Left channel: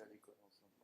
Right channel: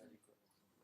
à l'école ensemble.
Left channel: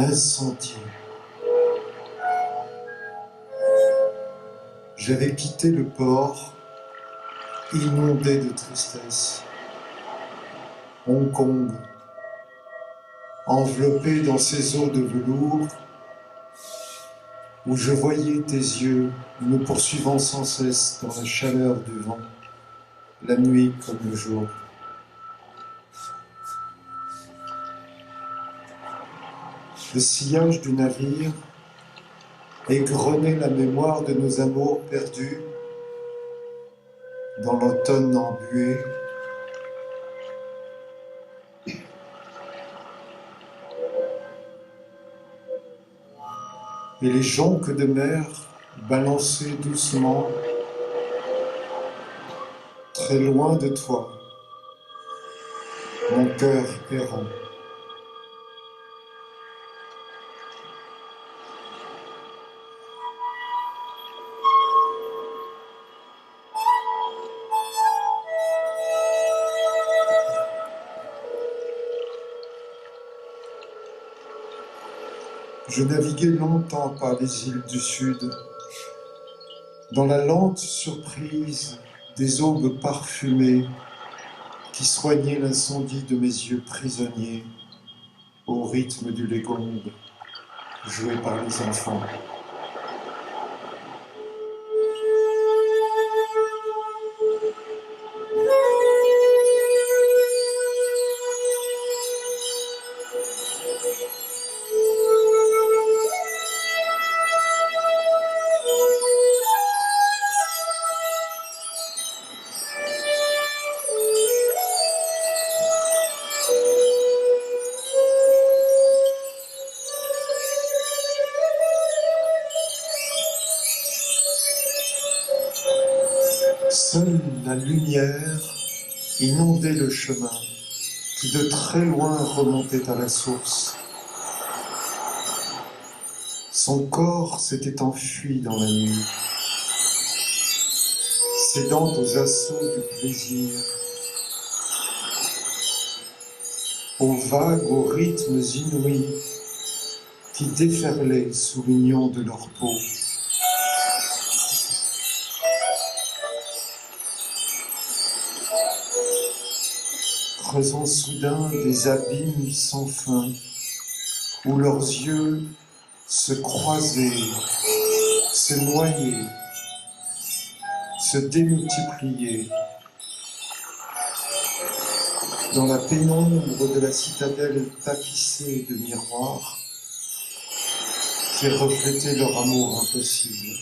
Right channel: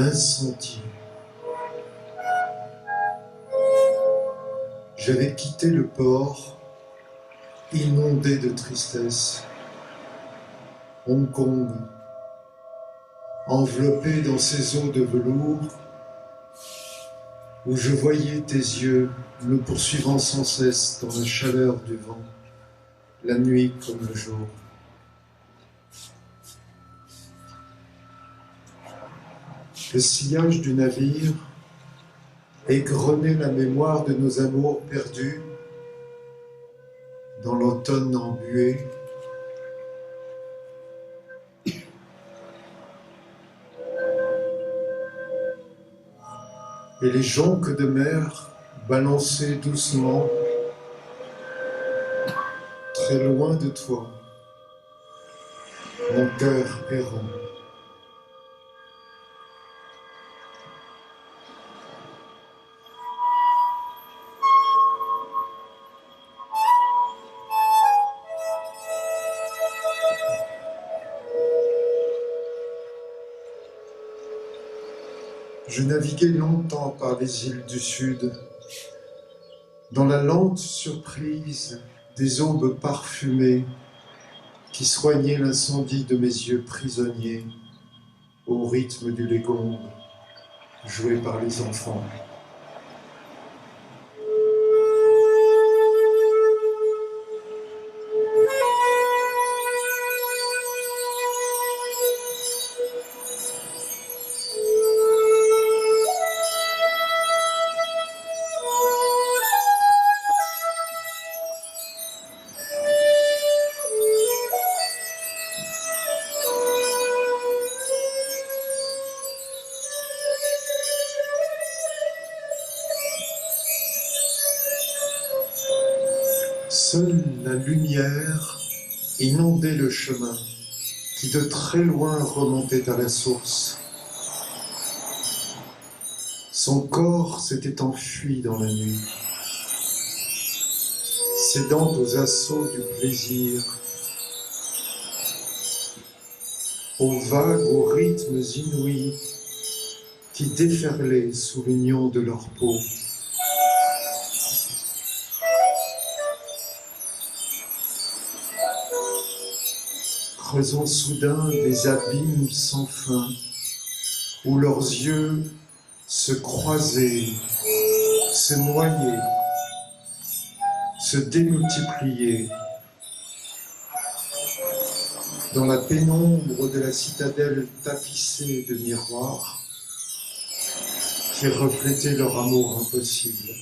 L'incendie. J'avais quitté le port, inondé de tristesse. Hong Kong, enveloppé dans ces eaux de velours, où je voyais tes yeux me poursuivant sans cesse dans la chaleur du vent, la nuit comme le jour. Le sillage du navire égrenait la mémoire de nos amours perdus dans l'automne embué. Et les jonques de mer balançaient doucement, très loin de toi, mon cœur errant. Je naviguais longtemps par les îles du Sud, dans la lente surprise des aubes parfumées qui soignaient l'incendie de mes yeux prisonniers au rythme du légombe joué par les enfants. Seule la lumière inondait le chemin qui de très loin remontait à la source. Son corps s'était enfui dans la nuit, cédant aux assauts du plaisir, aux vagues, aux rythmes inouïs qui déferlaient sous l'union de leur peau. Creusant soudain des abîmes sans fin, où leurs yeux se croisaient, se noyaient, se démultipliaient. Dans la pénombre de la citadelle tapissée de miroirs qui reflétaient leur amour impossible.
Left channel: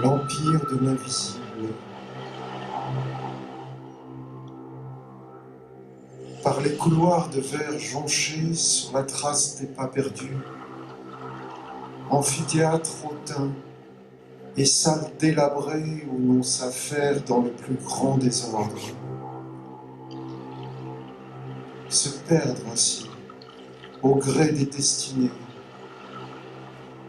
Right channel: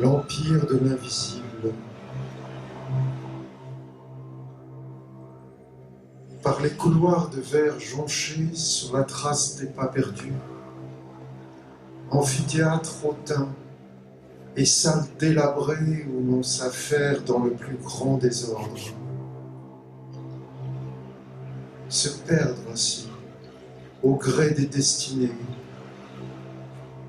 l'empire de l'invisible. Par les couloirs de verre jonchés sur la trace des pas perdus, amphithéâtre hautain et salle délabrée où l'on s'affaire dans le plus grand désordre. Se perdre ainsi, au gré des destinées,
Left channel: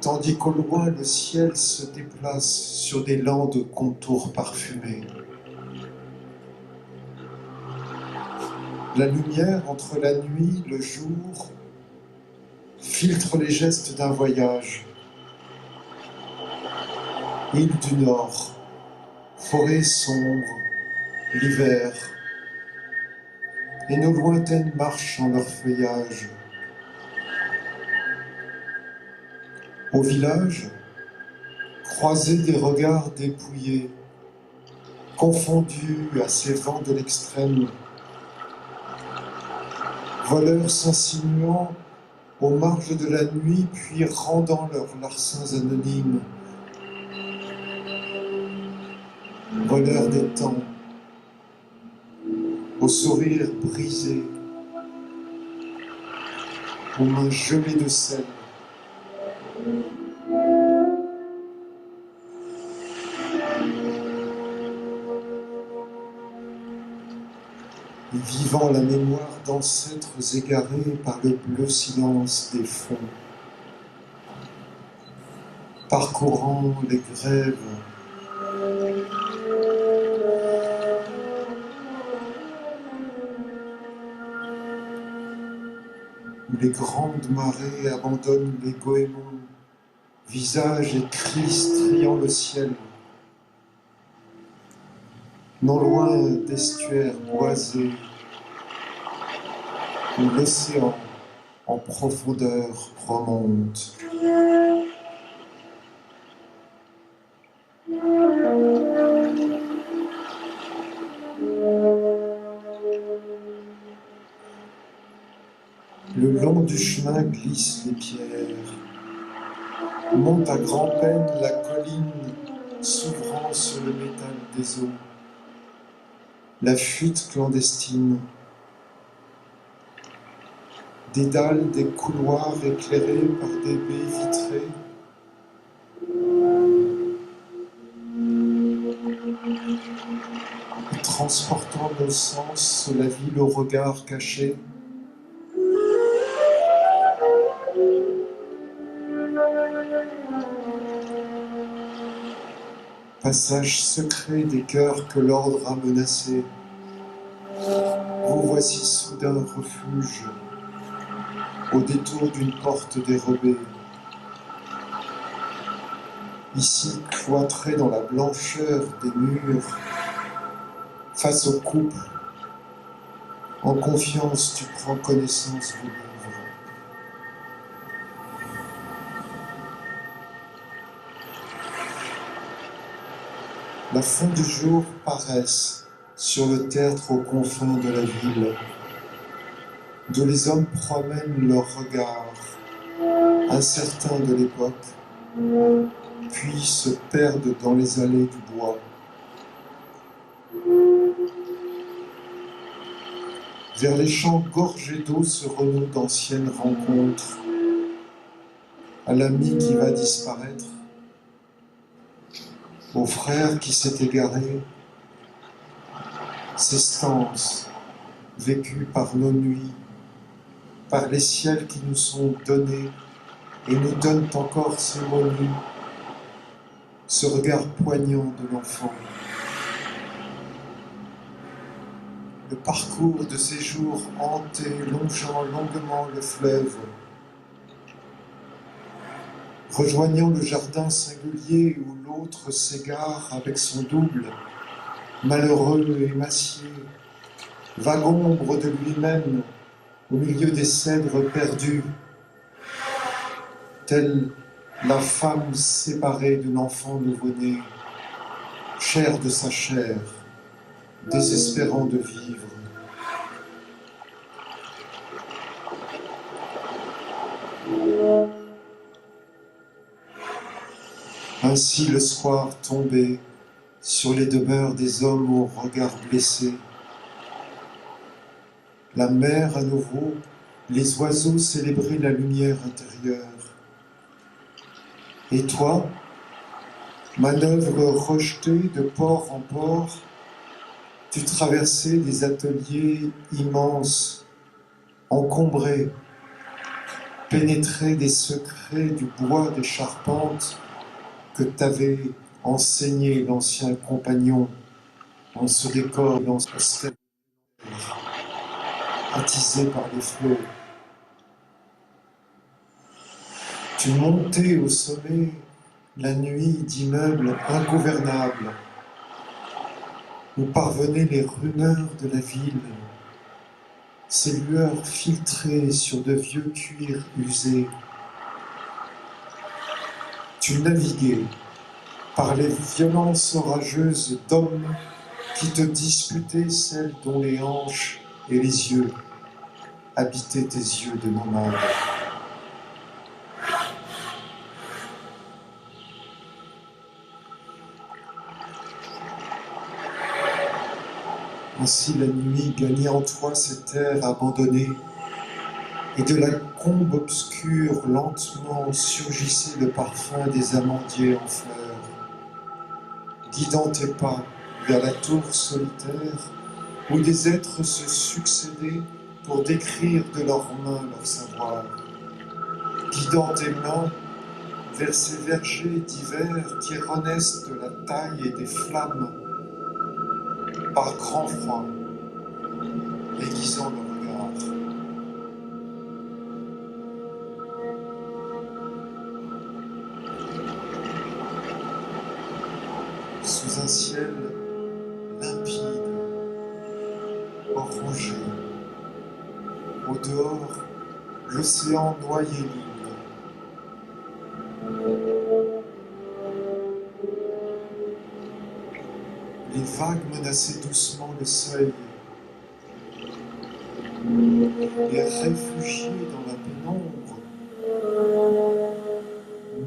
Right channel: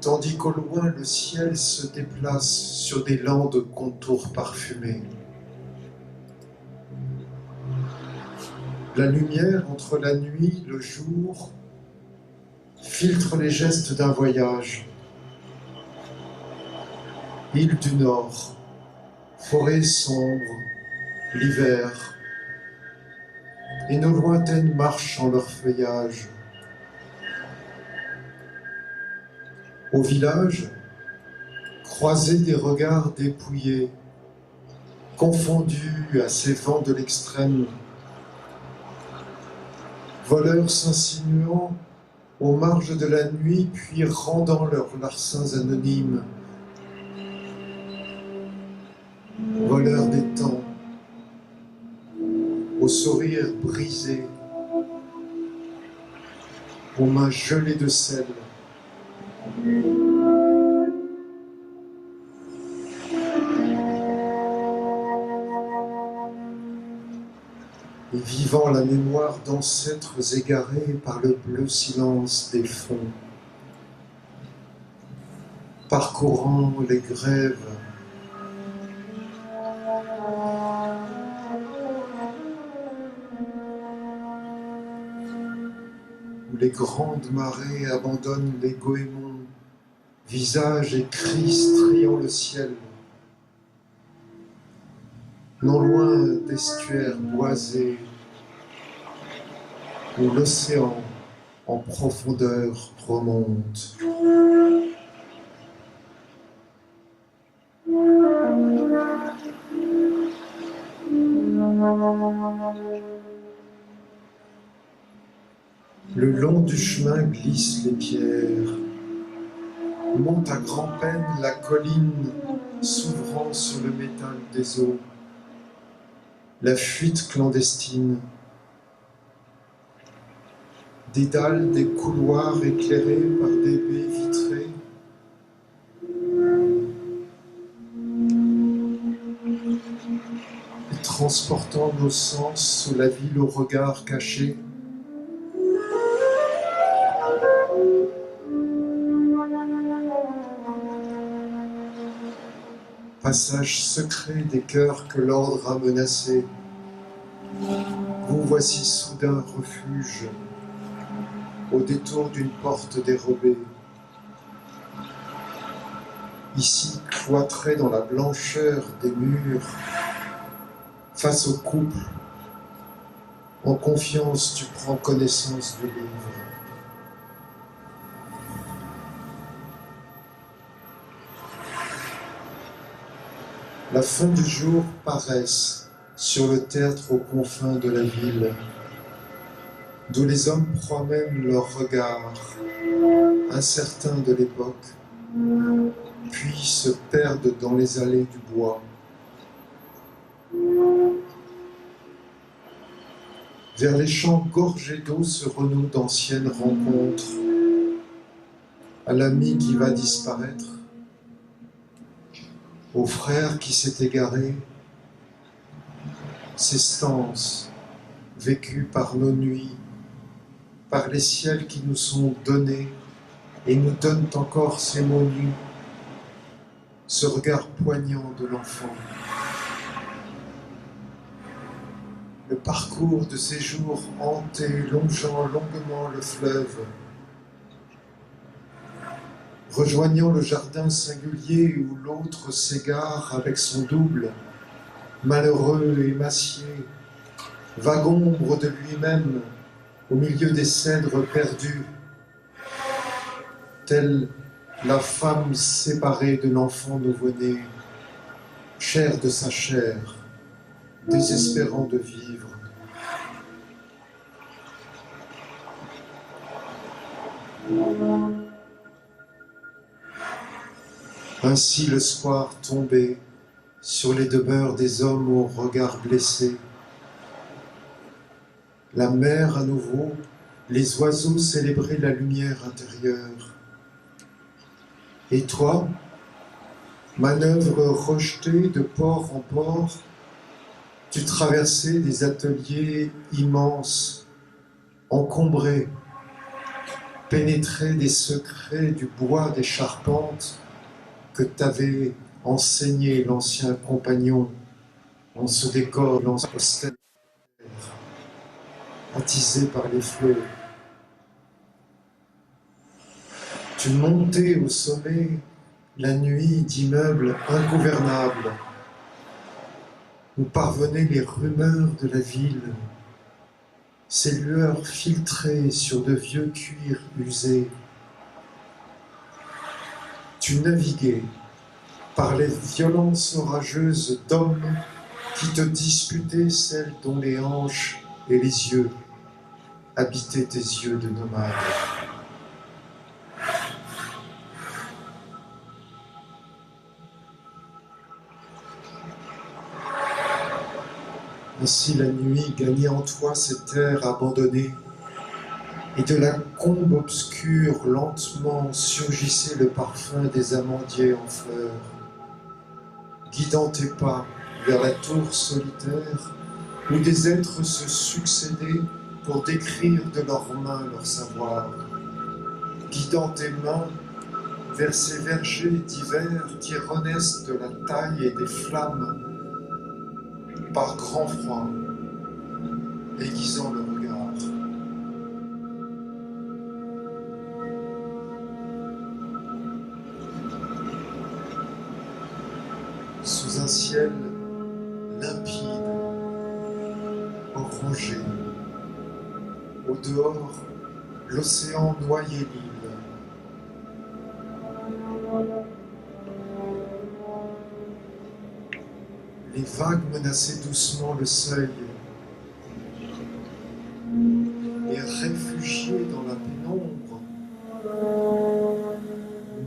tandis qu'au loin le ciel se déplace sur des landes contours parfumés. La lumière entre la nuit, le jour, filtre les gestes d'un voyage. Île du Nord, forêt sombre, l'hiver, et nos lointaines marchent en leur feuillage. Au village, croiser des regards dépouillés, confondus à ces vents de l'extrême, voleurs s'insinuant aux marges de la nuit, puis rendant leurs larcins anonymes, voleurs des temps, aux sourires brisés, aux mains gelées de sel. Et vivant la mémoire d'ancêtres égarés par le bleu silence des fonds, parcourant les grèves, où les grandes marées abandonnent les goémons, visages et cris striant le ciel, non loin d'estuaires boisés, où l'océan en profondeur remonte. Le long du chemin glissent les pierres, monte à grand-peine la colline s'ouvrant sur le métal des eaux, la fuite clandestine, des dalles des couloirs éclairés par des baies vitrées, et transportant nos sens sur la ville au regard caché. Passage secret des cœurs que l'ordre a menacés. Vous voici soudain refuge, au détour d'une porte dérobée. Ici, cloîtré dans la blancheur des murs, face au couple, en confiance, tu prends connaissance du livre. La fin du jour paraisse sur le tertre aux confins de la ville, d'où les hommes promènent leurs regards, incertains de l'époque, puis se perdent dans les allées du bois. Vers les champs gorgés d'eau se renouent d'anciennes rencontres, à l'ami qui va disparaître, au frère qui s'est égaré, ces stances vécues par nos nuits, par les ciels qui nous sont donnés et nous donnent encore ces mots nus, ce regard poignant de l'enfant. Le parcours de ces jours hantés, longeant longuement le fleuve, rejoignant le jardin singulier où l'autre s'égare avec son double, malheureux et émacié, vague ombre de lui-même au milieu des cèdres perdus, telle la femme séparée de l'enfant nouveau-né, chair de sa chair, désespérant de vivre. Ainsi le soir tombait sur les demeures des hommes au regard blessé. La mer à nouveau, les oiseaux célébraient la lumière intérieure. Et toi, manœuvre rejetée de port en port, tu traversais des ateliers immenses, encombrés, pénétrais des secrets du bois des charpentes que t'avait enseigné l'ancien compagnon en ce décor austère, attisé par les flots. Tu montais au sommet la nuit d'immeubles ingouvernables où parvenaient les rumeurs de la ville, ces lueurs filtrées sur de vieux cuirs usés. Tu naviguais par les violences orageuses d'hommes qui te disputaient celles dont les hanches et les yeux habitaient tes yeux de nomade. Ainsi la nuit gagnait en toi ces terres abandonnées, et de la combe obscure lentement surgissait le parfum des amandiers en fleurs, guidant tes pas vers la tour solitaire où des êtres se succédaient pour décrire de leurs mains leur savoir, guidant tes mains vers ces vergers d'hiver qui renaissent de la taille et des flammes par grand froid, aiguisant le regard. Sous un ciel limpide, orangé, au dehors, l'océan noyait l'île. Les vagues menaçaient doucement le seuil, et réfugiés dans la pénombre,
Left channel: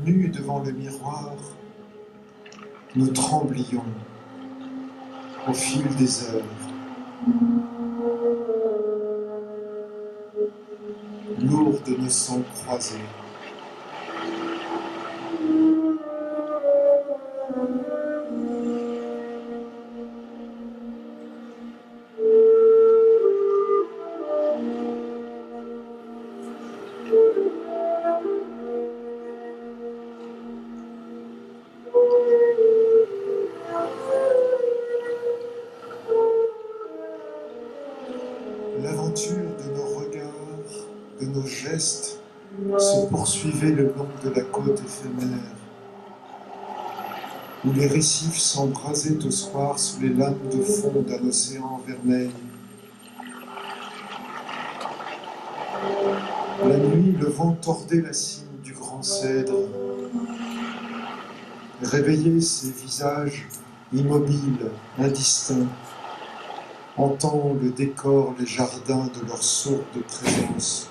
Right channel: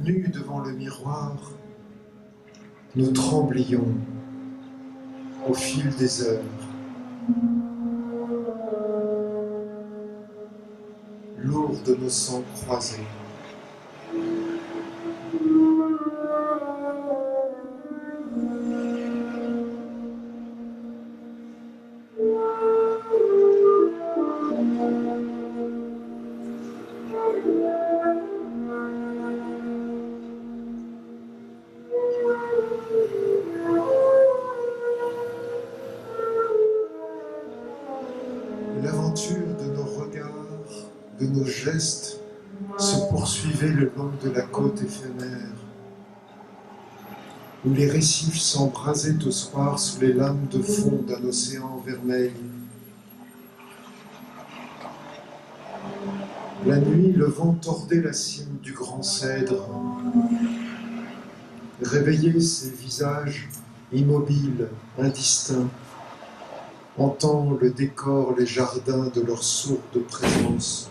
nus devant le miroir, nous tremblions au fil des heures. Lourds de nos sangs croisés. L'aventure de nos regards, de nos gestes, se poursuivait le long de la côte éphémère, où les récifs s'embrasaient au soir sous les lames de fond d'un océan vermeil. La nuit, le vent tordait la cime du grand cèdre, réveillait ces visages immobiles, indistincts, hantant le décor, les jardins de leur sourde présence.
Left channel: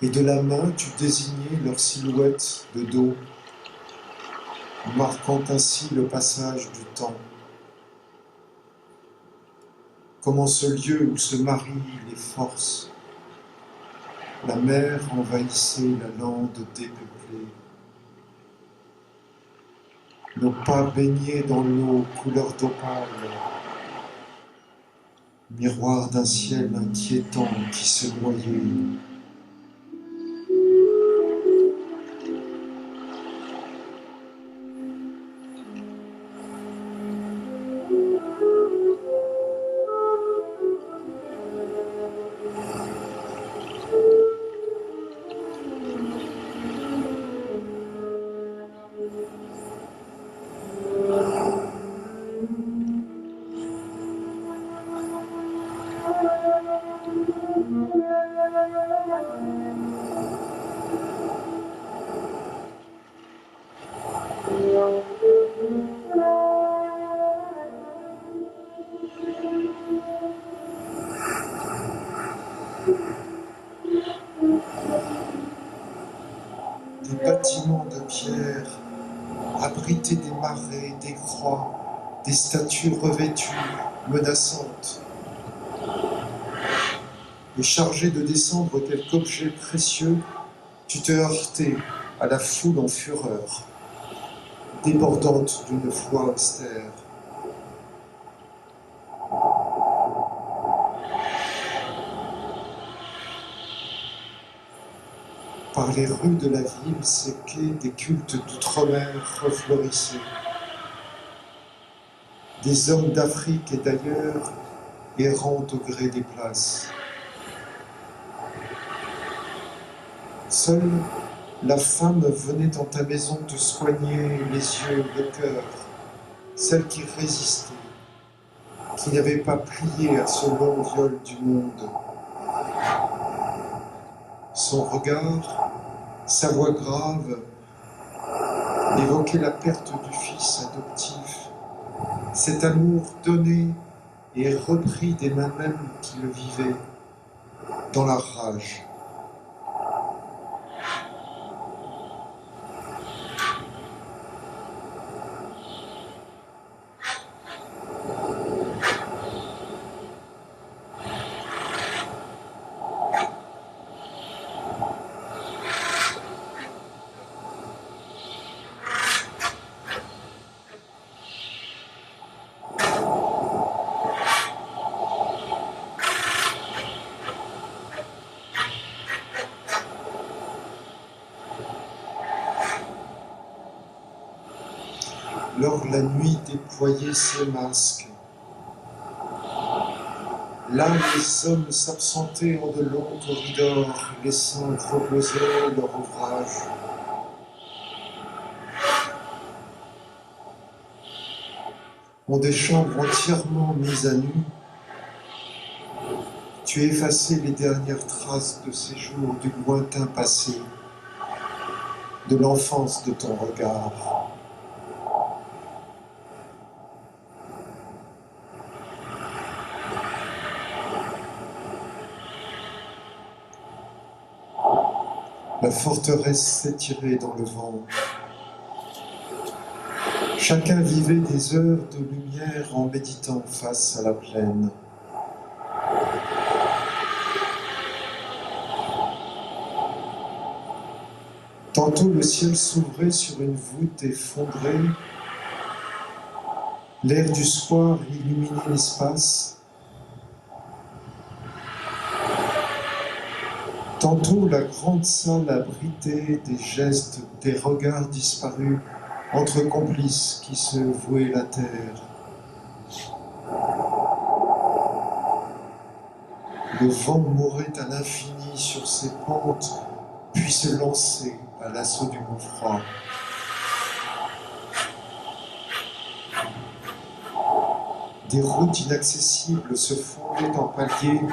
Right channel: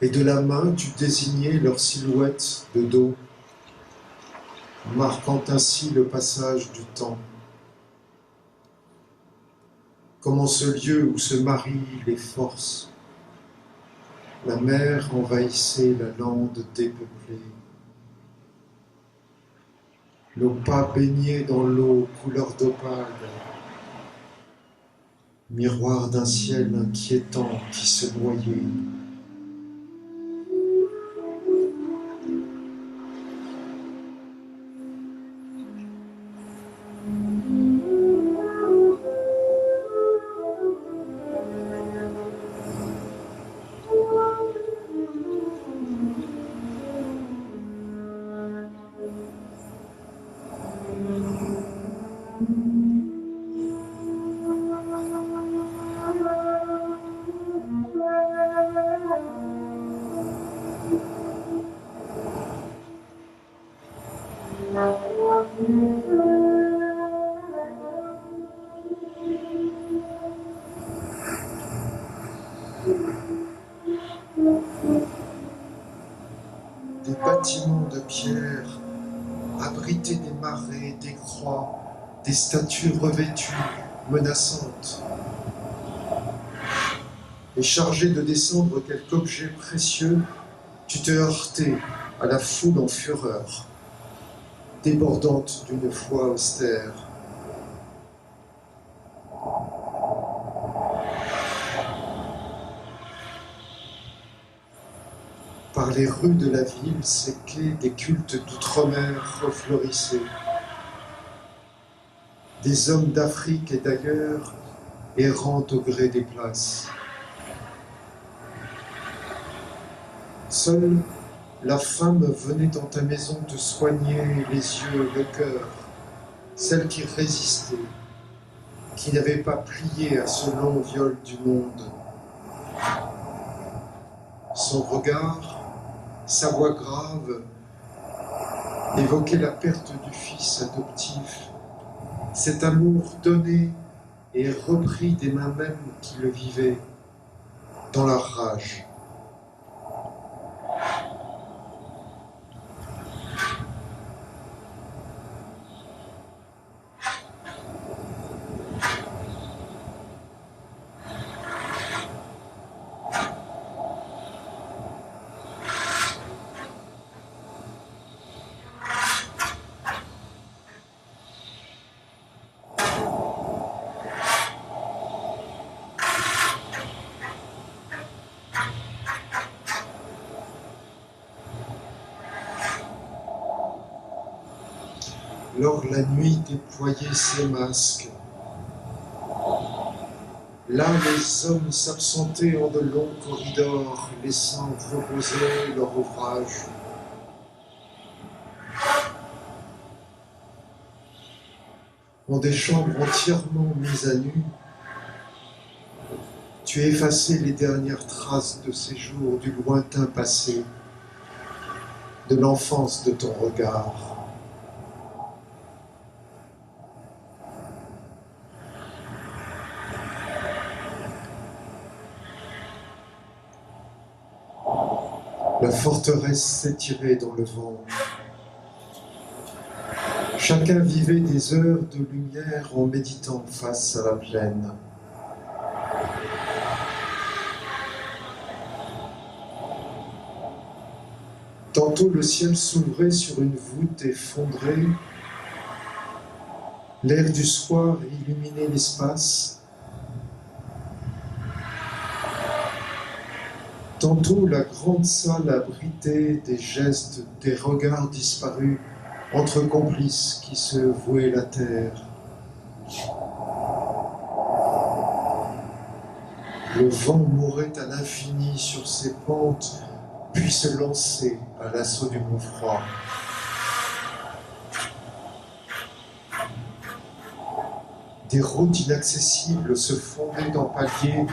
Et de la main, tu désignais leur silhouette de dos, marquant ainsi le passage du temps. Comme en ce lieu où se marient les forces, la mer envahissait la lande dépeuplée. Nos pas baignaient dans l'eau couleur d'opale, miroir d'un ciel inquiétant qui se noyait. marées, des croix, des statues revêtues, menaçantes. Et chargé de descendre quelque objet précieux, tu te heurtais à la foule en fureur, débordante d'une foi austère. Par les rues de la ville, ces quais des cultes d'outre-mer refleurissaient. Des hommes d'Afrique et d'ailleurs errant au gré des places. Seule la femme venait dans ta maison te soigner les yeux, le cœur, celle qui résistait, qui n'avait pas plié à ce long viol du monde. Son regard, sa voix grave, évoquait la perte du fils adoptif, cet amour donné et repris des mains mêmes qui le vivaient, dans la rage. Lors la nuit déployait ses masques. Là, les hommes s'absentaient en de longs corridors, laissant reposer leur ouvrage. En des chambres entièrement mises à nu, tu effaçais les dernières traces de ces jours du lointain passé, de l'enfance de ton regard. La forteresse s'étirait dans le vent. Chacun vivait des heures de lumière en méditant face à la plaine. Tantôt le ciel s'ouvrait sur une voûte effondrée, l'air du soir illuminait l'espace. Tantôt la grande salle abritait des gestes, des regards disparus entre complices qui se vouaient la terre. Le vent mourait à l'infini sur ses pentes, puis se lançait à l'assaut du mont froid. Des routes inaccessibles se fondaient en paliers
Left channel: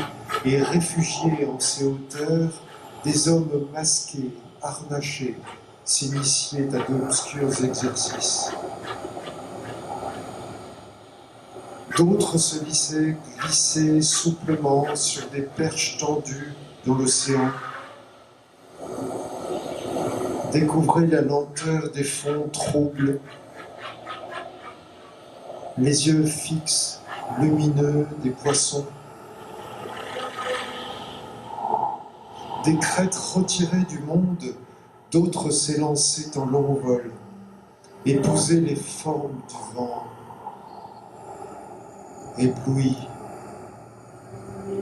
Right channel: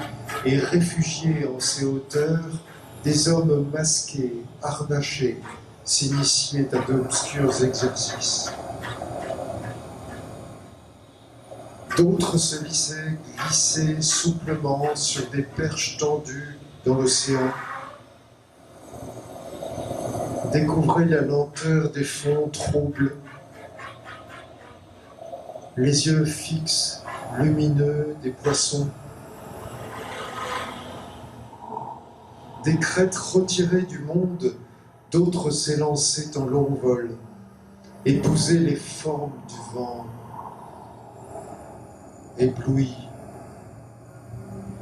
et réfugiés en ces hauteurs, des hommes masqués, harnachés, s'initiaient à d'obscurs exercices. D'autres se glissaient souplement sur des perches tendues dans l'océan, découvraient la lenteur des fonds troubles, les yeux fixes, lumineux des poissons, des crêtes retirées du monde, d'autres s'élançaient en long vol, épousaient les formes du vent, éblouis,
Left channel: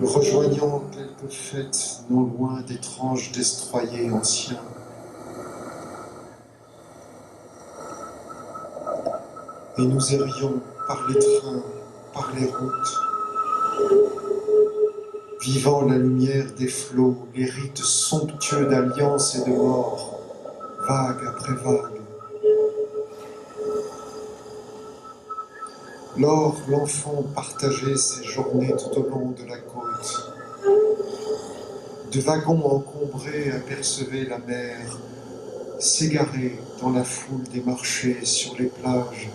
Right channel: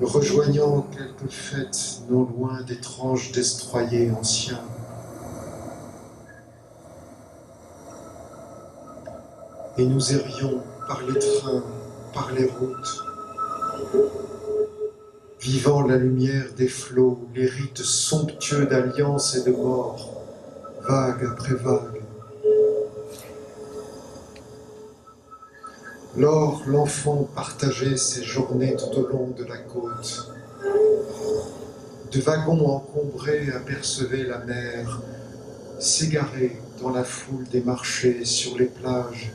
rejoignant quelques fêtes non loin d'étranges destroyers anciens. Et nous errions par les trains, par les routes, vivant la lumière des flots, les rites somptueux d'alliance et de mort, vague après vague. Lors, l'enfant partageait ses journées tout au long de la côte. De wagons encombrés apercevaient la mer, s'égarer dans la foule des marchés sur les plages,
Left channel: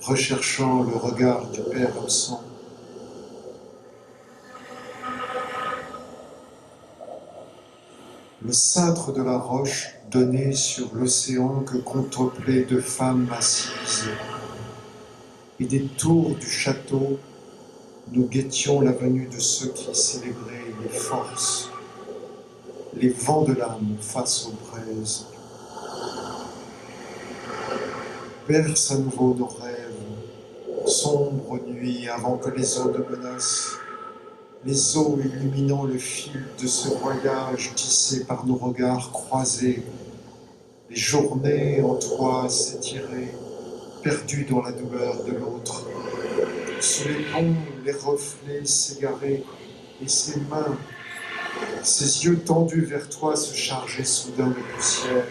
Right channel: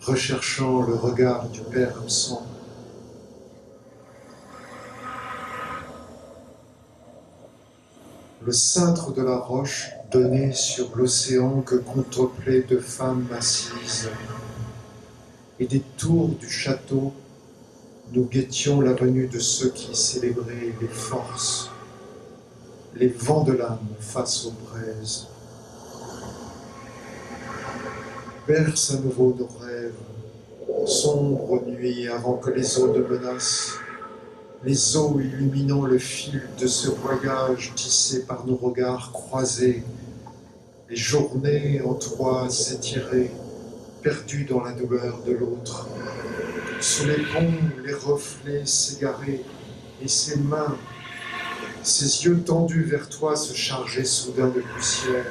recherchant le regard du père absent. Le cintre de la roche donné sur l'océan que contemplaient deux femmes assises. Et des tours du château, nous guettions la venue de ceux qui célébraient les forces, les vents de l'âme face aux braises. Berce à nouveau nos rêves, sombre nuit avant que les eaux ne menacent, les eaux illuminant le fil de ce voyage tissé par nos regards croisés, les journées en toi s'étiraient, perdues dans la douleur de l'autre. Sous les ponts, les reflets s'égaraient, et ses mains, ses yeux tendus vers toi se chargeaient soudain de poussière.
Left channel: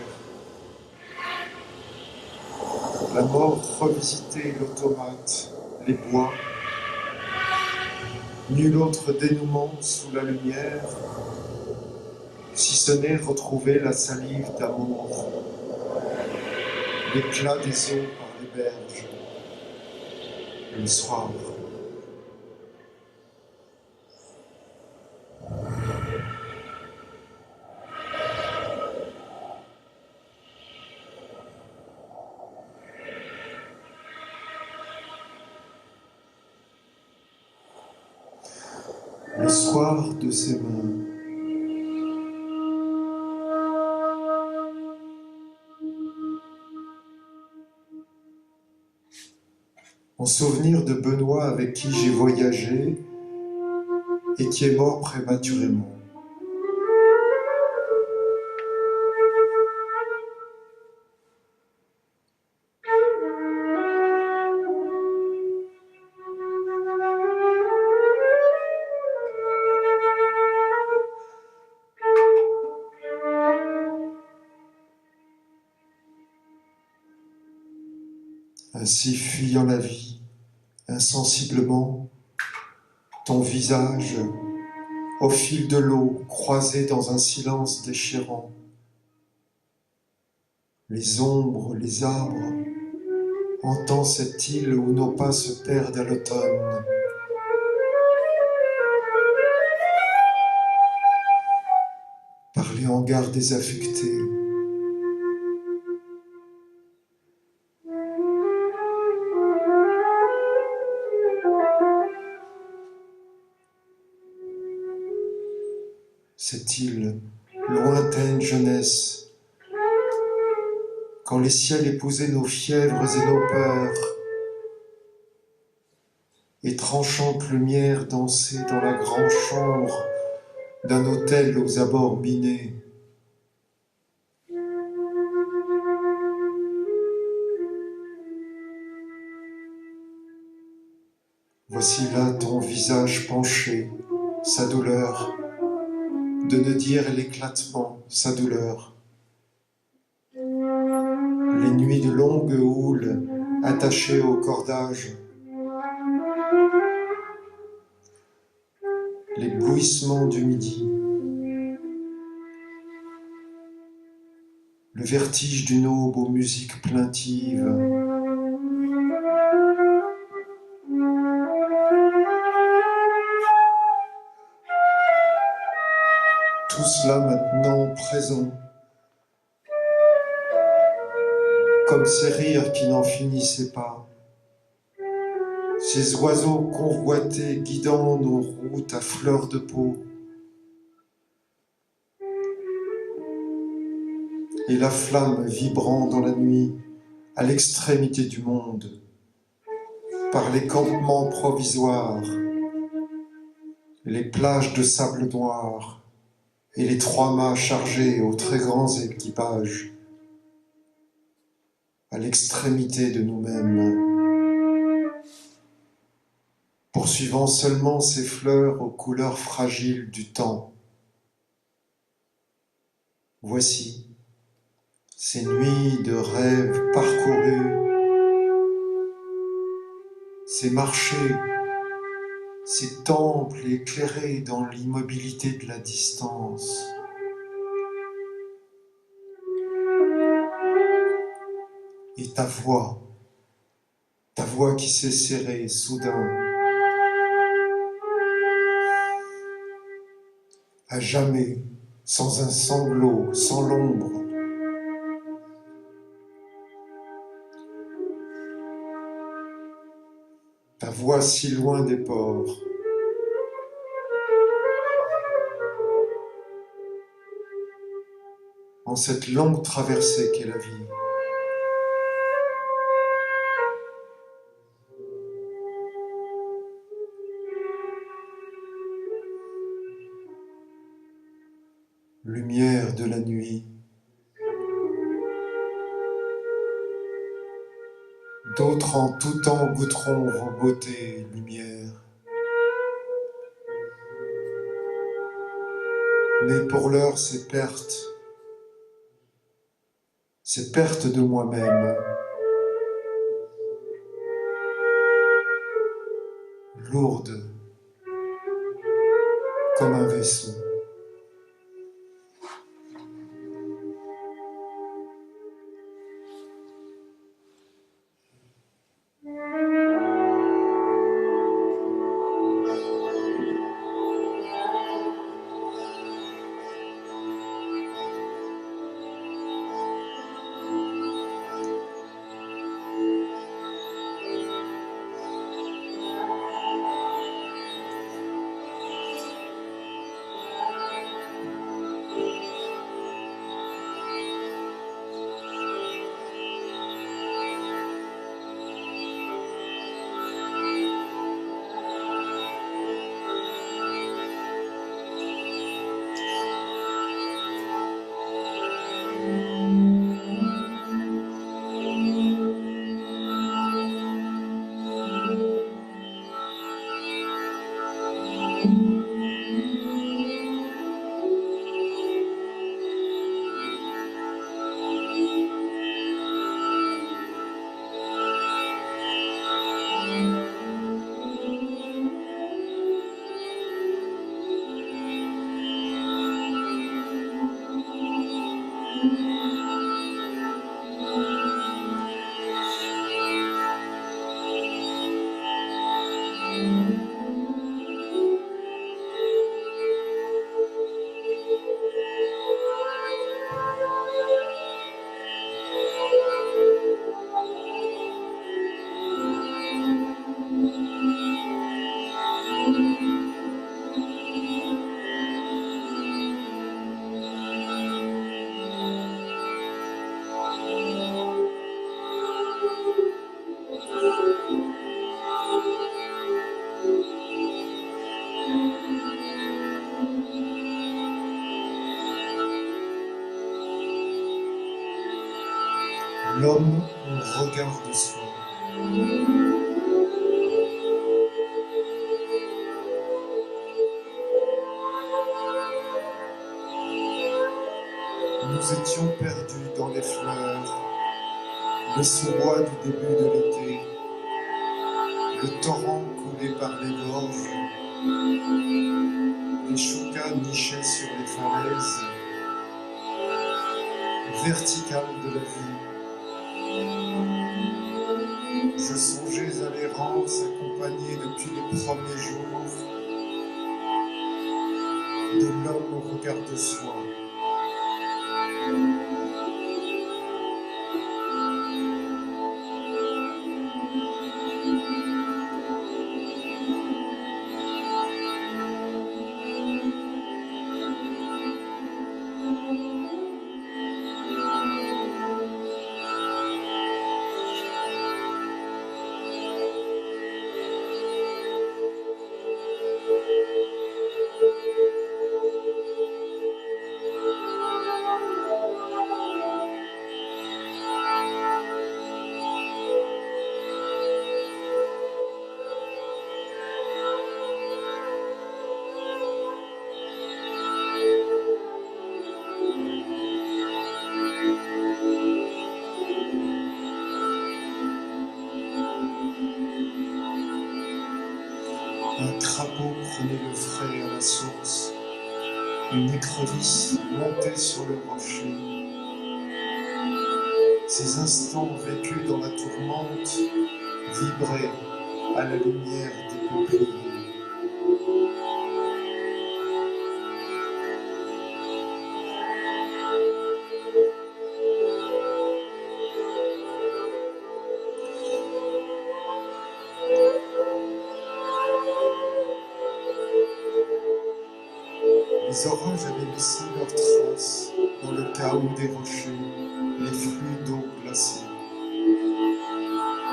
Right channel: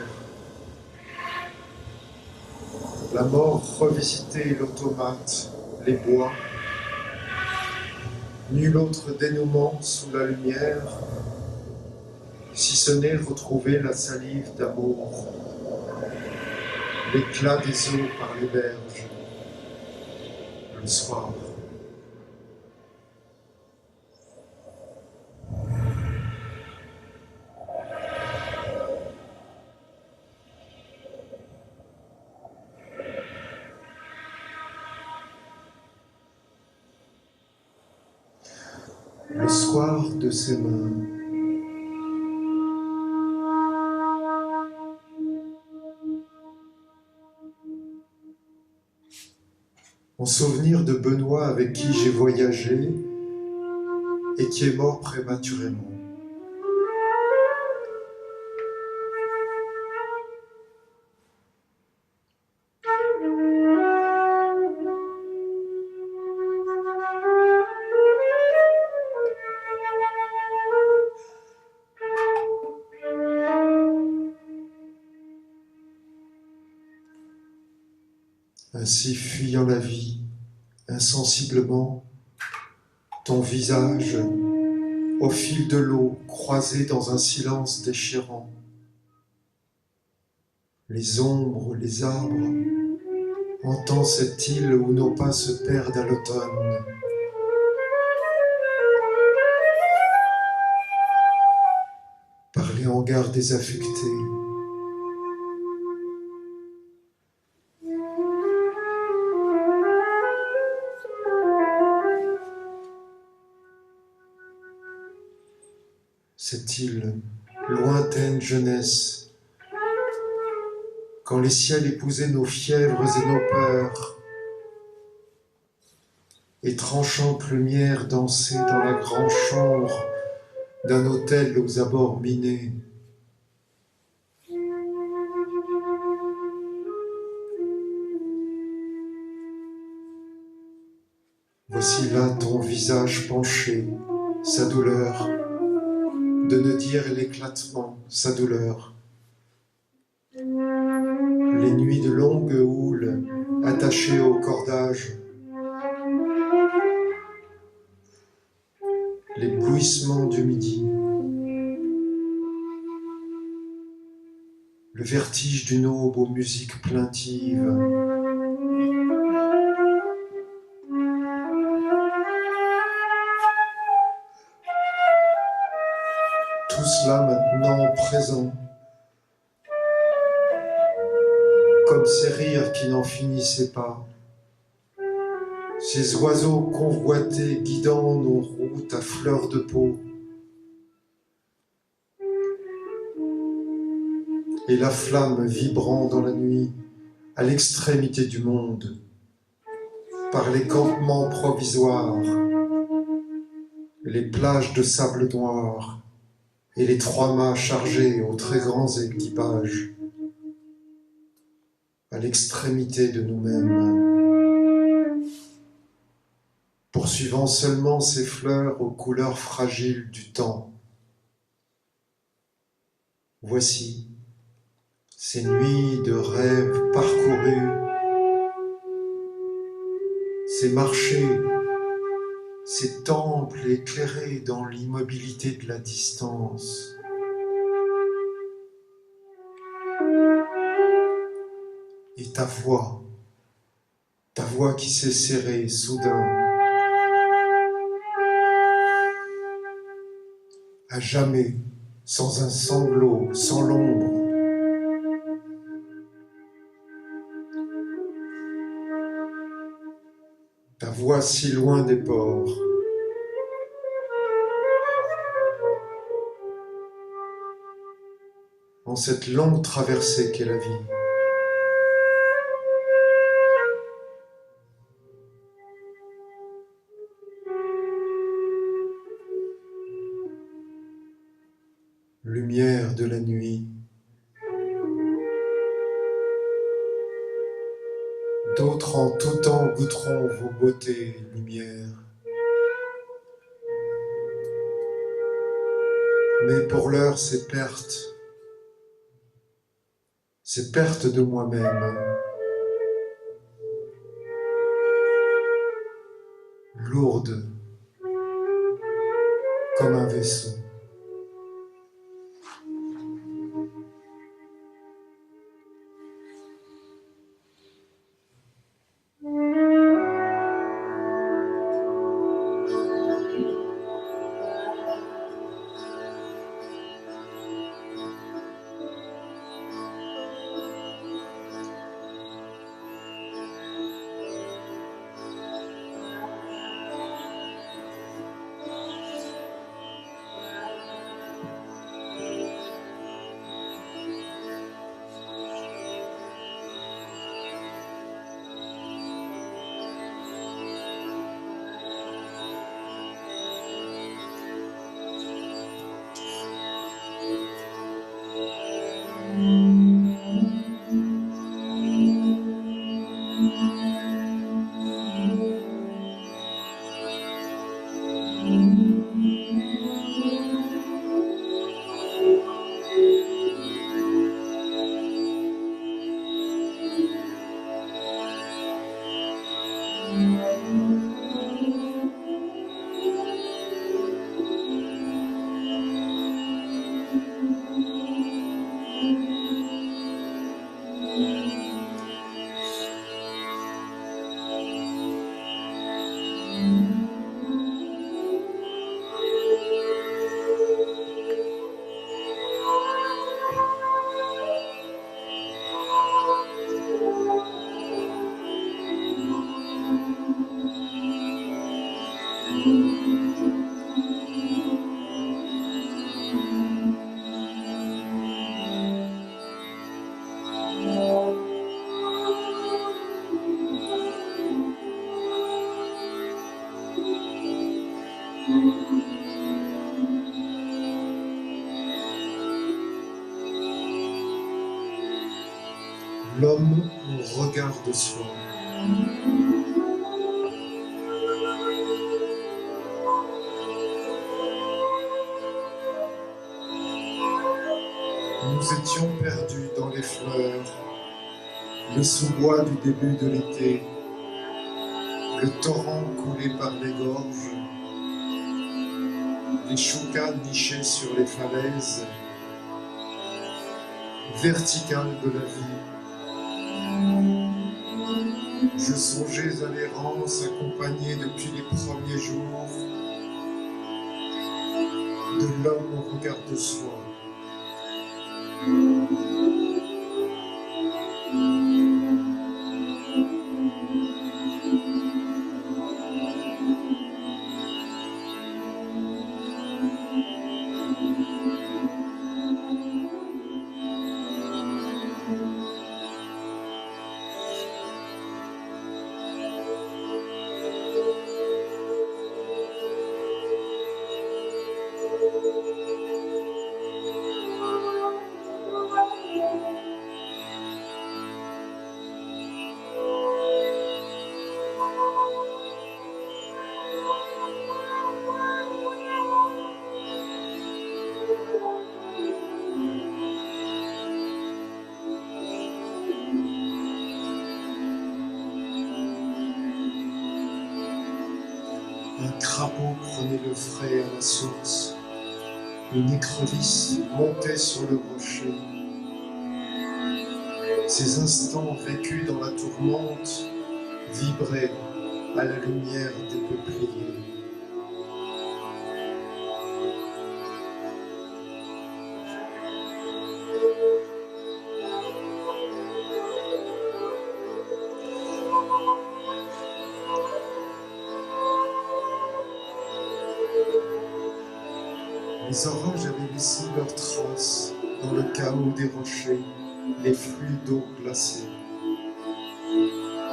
La mort revisitait l'automate, les bois. Nul autre dénouement sous la lumière, si ce n'est retrouver la salive d'amour, l'éclat des eaux par les berges, le soir. Le soir de ses mains. En souvenir de Benoît avec qui j'ai voyagé et qui est mort prématurément. Ainsi fuyant la vie, insensiblement, ton visage, au fil de l'eau, croisé dans un silence déchirant. Les ombres, les arbres, entends cette île où nos pas se perdent à l'automne. Par les hangars désaffectés. Cette île, lointaine jeunesse, quand les ciels épousaient nos fièvres et nos peurs, et tranchante lumière dansait dans la grande chambre d'un hôtel aux abords minés. Voici là ton visage penché, sa douleur, de ne dire l'éclatement, sa douleur. Les nuits de longue houle, attachées au cordage. Les bruissements du midi. Le vertige d'une aube aux musiques plaintives. Tout cela maintenant présent, comme ces rires qui n'en finissaient pas, ces oiseaux convoités guidant nos routes à fleur de peau, et la flamme vibrant dans la nuit à l'extrémité du monde, par les campements provisoires, les plages de sable noir, et les trois mâts chargés aux très grands équipages, à l'extrémité de nous-mêmes, poursuivant seulement ces fleurs aux couleurs fragiles du temps. Voici ces nuits de rêves parcourus, ces marchés, ces temples éclairés dans l'immobilité de la distance. Et ta voix qui s'est serrée soudain, à jamais, sans un sanglot, sans l'ombre, ta voix si loin des ports. En cette longue traversée qu'est la vie. Lumière de la nuit, d'autres en tout temps goûteront vos beautés et lumières. Mais pour l'heure, c'est perte de moi-même, lourde comme un vaisseau. L'homme au regard de soi. Nous étions perdus dans les fleurs, le sous-bois du début de l'été, le torrent coulé par les gorges, les choucas nichés sur les falaises, verticales de la vie. Je songeais à l'errance accompagnée depuis les premiers jours de l'homme au regard de soi. Un crapaud prenait le frais à la source, une écrevisse montait sur le rocher. Ces instants vécus dans la tourmente vibraient à la lumière des peupliers. Les orages avaient laissé leurs traces dans le chaos des rochers, les flux d'eau glacée.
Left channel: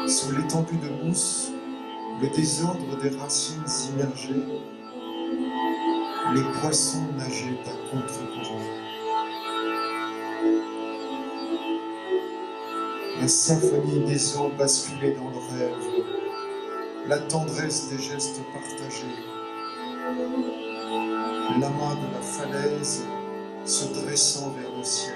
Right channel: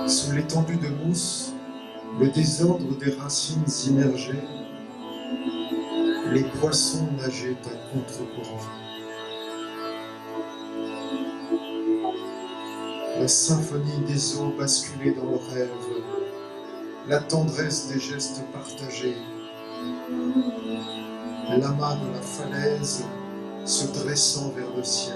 Sous l'étendue de mousse, le désordre des racines immergées, les poissons nageaient à contre-courant. La symphonie des eaux basculait dans le rêve, la tendresse des gestes partagés, l'amas de la falaise se dressant vers le ciel.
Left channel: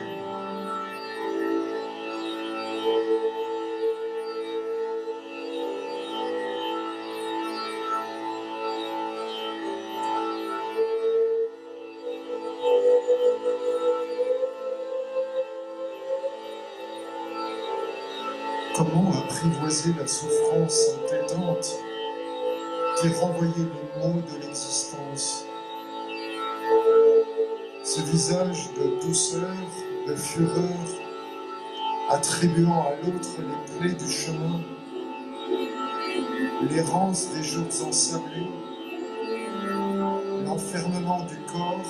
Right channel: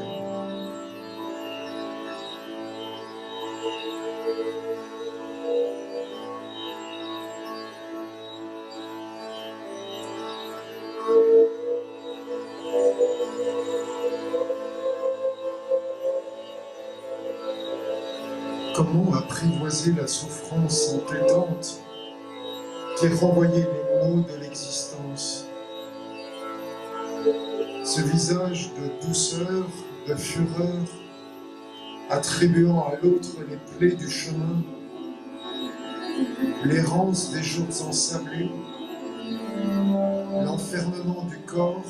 Comment apprivoiser la souffrance entêtante qui renvoyait les mots de l'existence? Ce visage de douceur, de fureur, attribuant à l'autre les plaies du chemin, l'errance des jours ensablés, l'enfermement du corps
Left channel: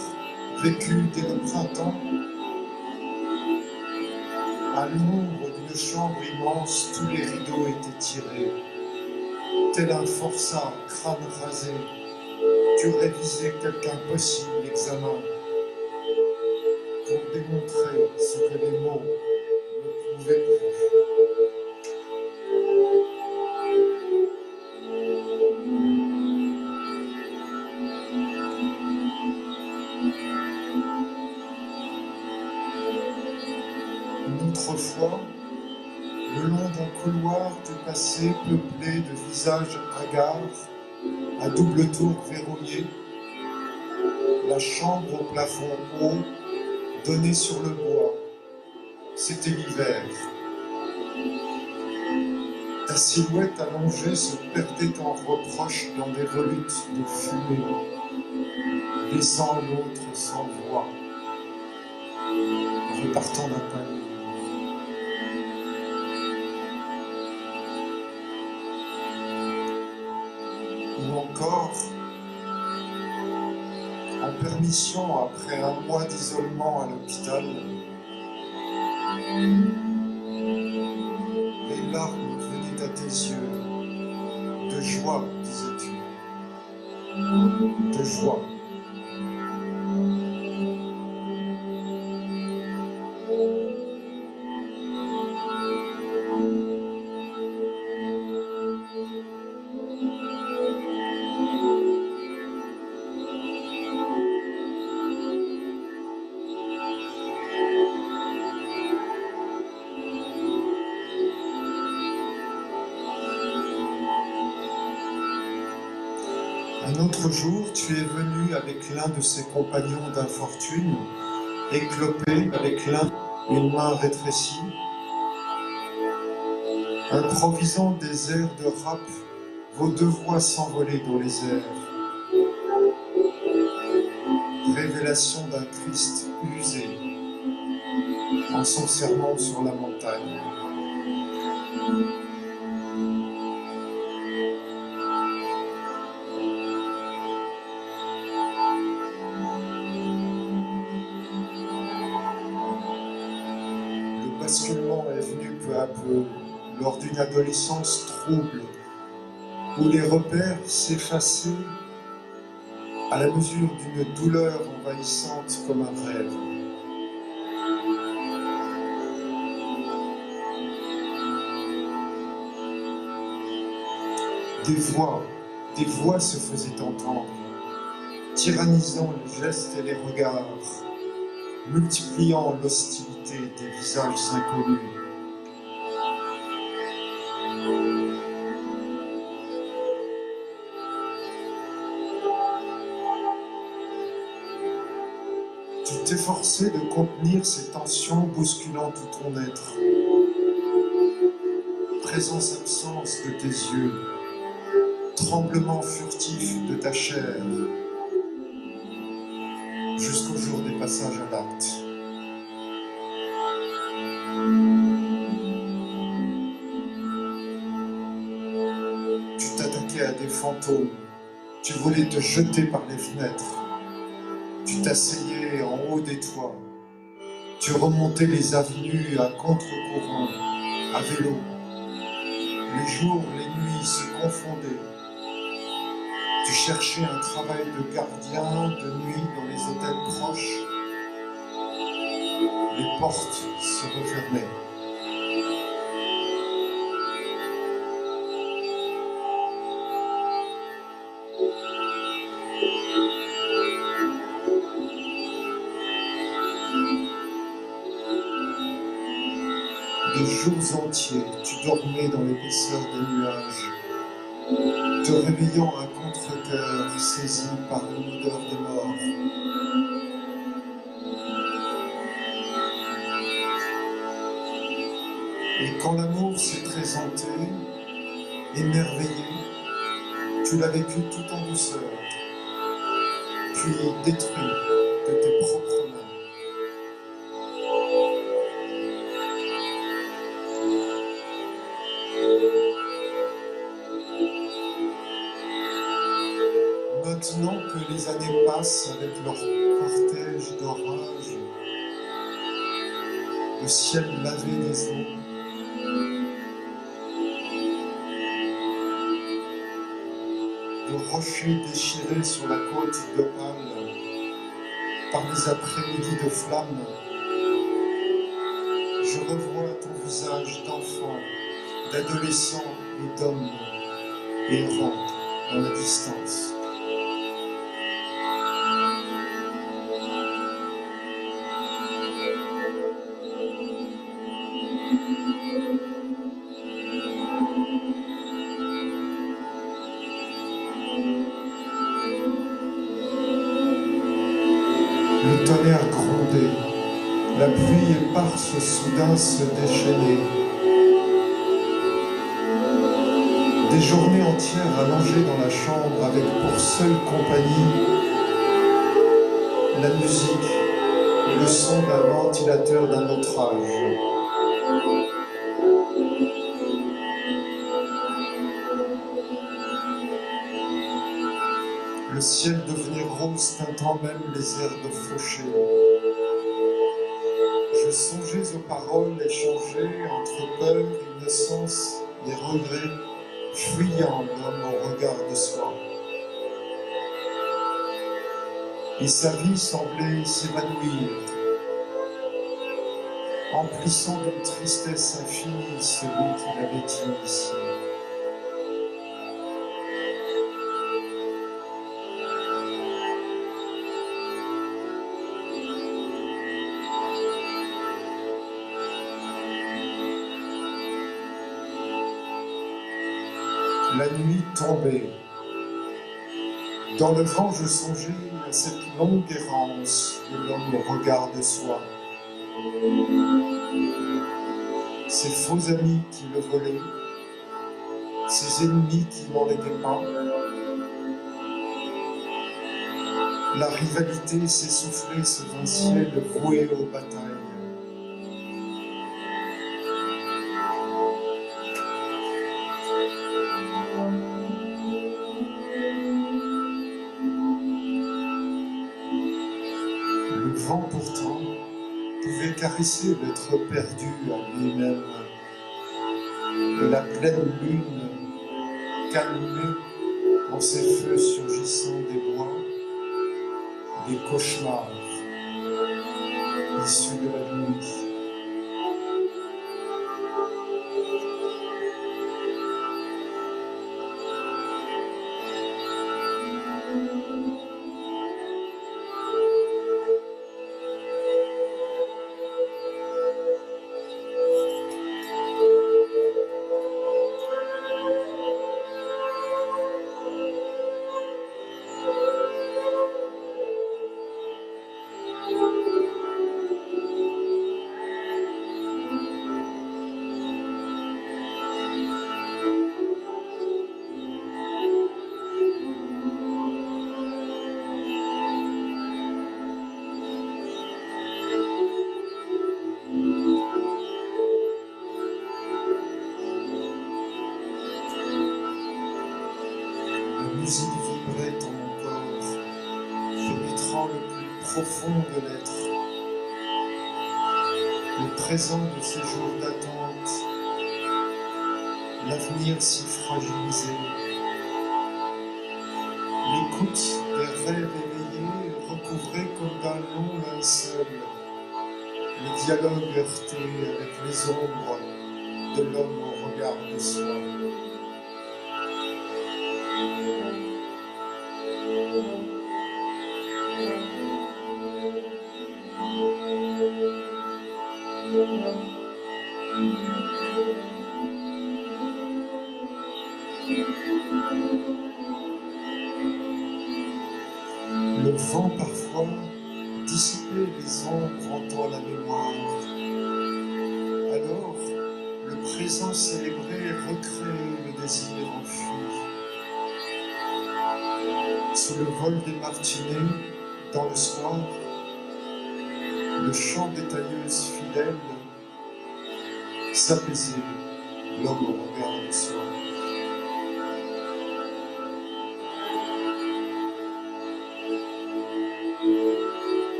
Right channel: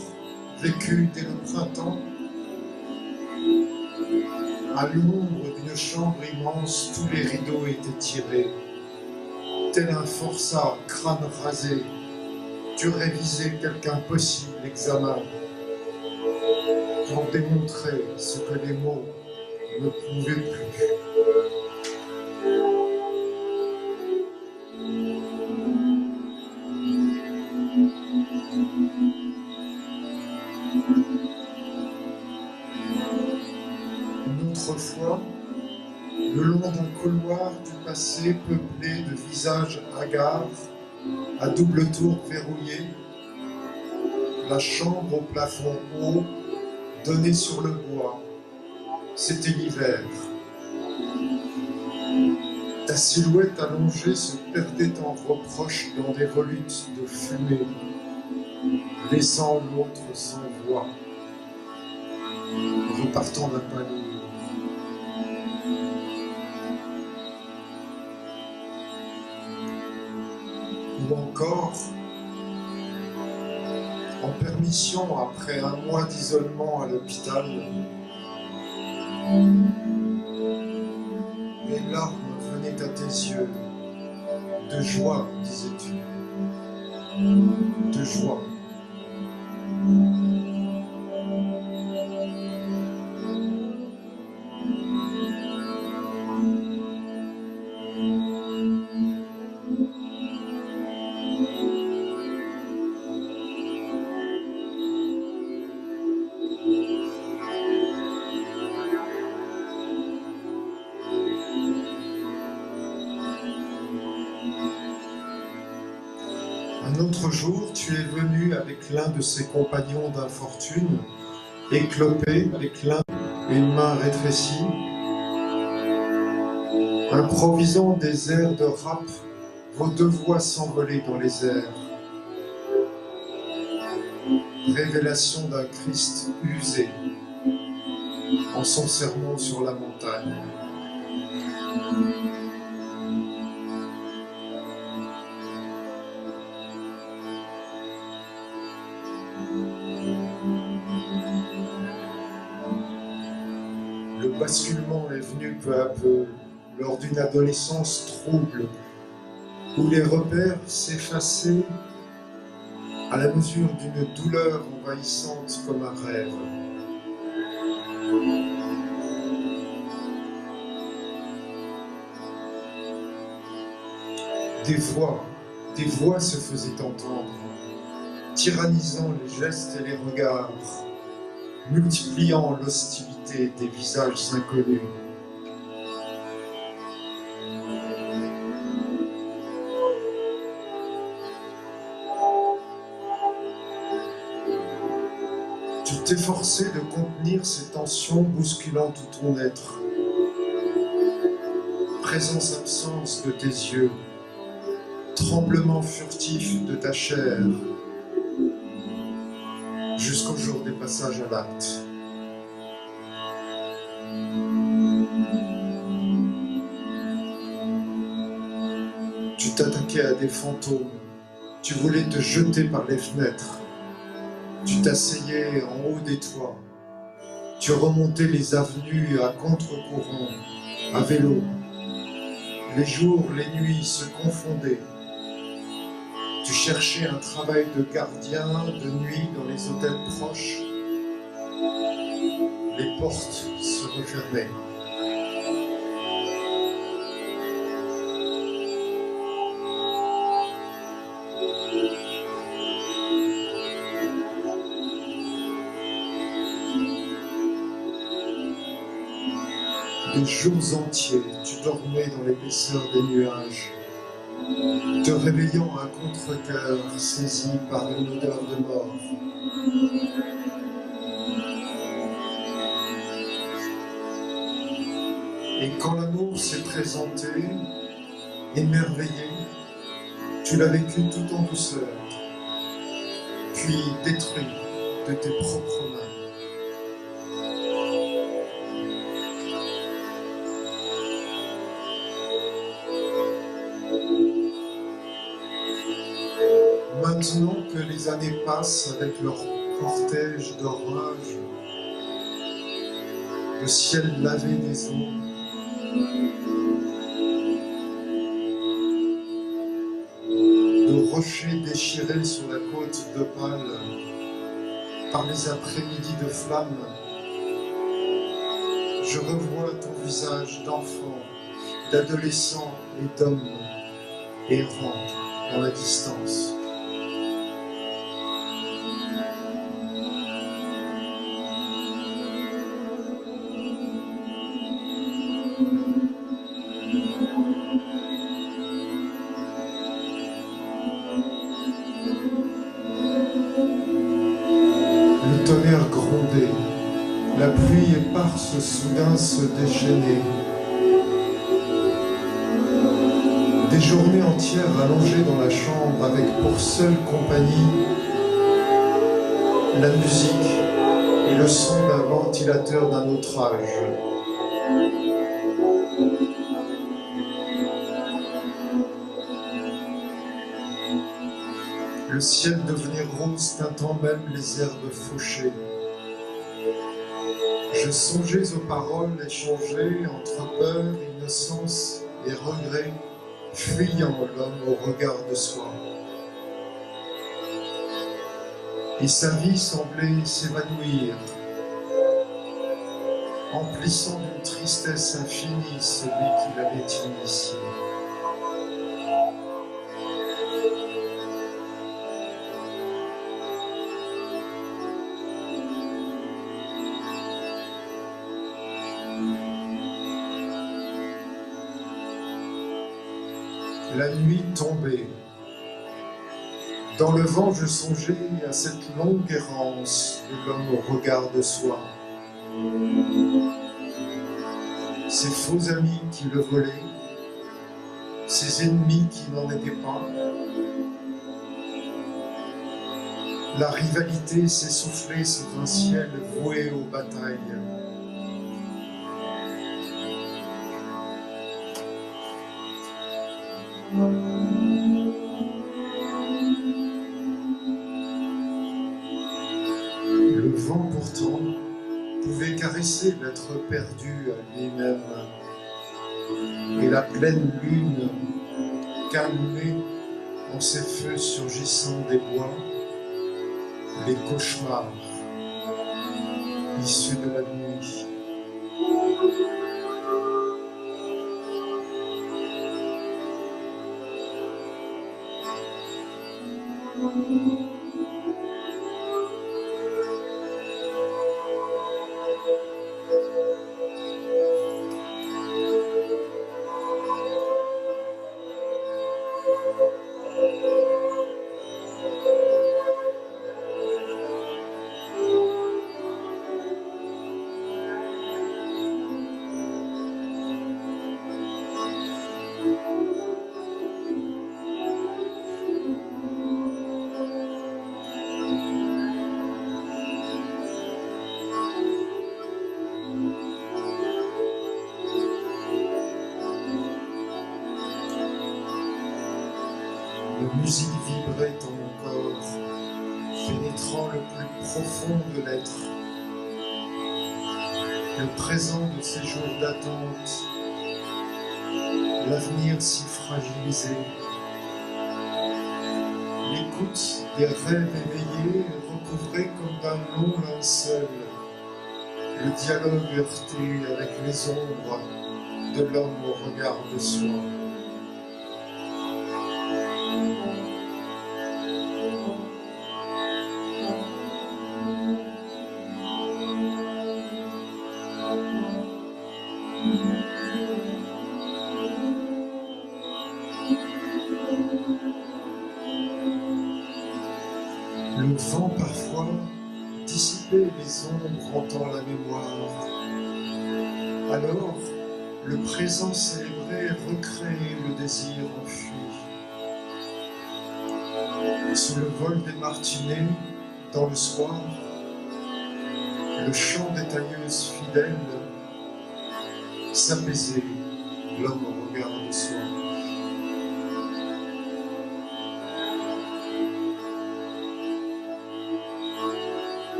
vécu dès le printemps. À l'ombre d'une chambre immense, tous les rideaux étaient tirés. Tel un forçat, crâne rasé, tu révisais quelque impossible examen pour démontrer ce que les mots ne pouvaient plus. Une autre fois, le long d'un couloir du passé peuplé de visages hagards, à double tour verrouillé, la chambre au plafond haut donnait sur le bois. C'était l'hiver. Ta silhouette allongée se perdait en reproches dans des volutes de fumée, laissant l'autre sans voix, repartant d'un palier. Ou encore, en permission après un mois d'isolement à l'hôpital, les larmes venaient à tes yeux, de joie, disais-tu, de joie. Un autre jour, tu es venu avec l'un de ses compagnons d'infortune, éclopé avec l'un une main rétrécie, improvisant des airs de rap, vos deux voix s'envolaient dans les airs. Révélation d'un Christ usé, en son serment sur la montagne. Le basculement est venu peu à peu, lors d'une adolescence trouble, où les repères s'effaçaient à la mesure d'une douleur envahissante comme un rêve. Des voix se faisaient entendre, tyrannisant les gestes et les regards, multipliant l'hostilité des visages inconnus. Tu t'efforçais de contenir ces tensions bousculant tout ton être. Présence-absence de tes yeux, tremblement furtif de ta chair, jusqu'au jour des passages à l'acte. Tu t'attaquais à des fantômes, tu voulais te jeter par les fenêtres. Tu t'asseyais en haut des toits. Tu remontais les avenues à contre-courant, à vélo. Les jours, les nuits se confondaient. Tu cherchais un travail de gardien de nuit dans les hôtels proches. Les portes se refermaient. De jours entiers, tu dormais dans l'épaisseur des nuages, te réveillant à contre-cœur, saisi par une odeur de mort. Et quand l'amour s'est présenté, émerveillé, tu l'as vécu tout en douceur, puis détruit de tes propres mains. Maintenant que les années passent avec leur cortège d'orages, le ciel lavé des eaux, de rochers déchirés sur la côte d'Opale par les après-midi de flammes, je revois ton visage d'enfant, d'adolescent et d'homme errant dans la distance. Le tonnerre grondait, la pluie éparse soudain se déchaînait. Des journées entières allongées dans la chambre avec pour seule compagnie la musique et le son d'un ventilateur d'un autre âge. Le ciel devenait rose, teintant même les herbes fauchées. Je songeais aux paroles échangées entre peur, innocence et regret, fuyant l'homme au regard de soi. Et sa vie semblait s'évanouir, emplissant d'une tristesse infinie celui qui l'avait initié. La nuit tombait. Dans le vent, je songeais à cette longue errance de l'homme au regard de soi. Ses faux amis qui le volaient, ses ennemis qui n'en étaient pas. La rivalité s'essoufflait sous un ciel voué aux batailles. Le vent pourtant pouvait caresser l'être perdu en lui-même, et la pleine lune calmait en ses feux surgissant des bois les cauchemars issus de la nuit. La musique vibrait dans mon corps, pénétrant le plus profond de l'être, le présent de ces jours d'attente, l'avenir si fragilisé, l'écoute des rêves éveillés recouvrés comme d'un long linceul, le dialogue heurté avec les ombres de l'homme au regard de soi. Le vent parfois dissipait les ombres hantant la mémoire. Alors, le présent célébré recréait le désir enfui. Sous le vol des martinets, dans le soir, le chant des tailleuses fidèles s'apaisait, l'homme au regard de soi.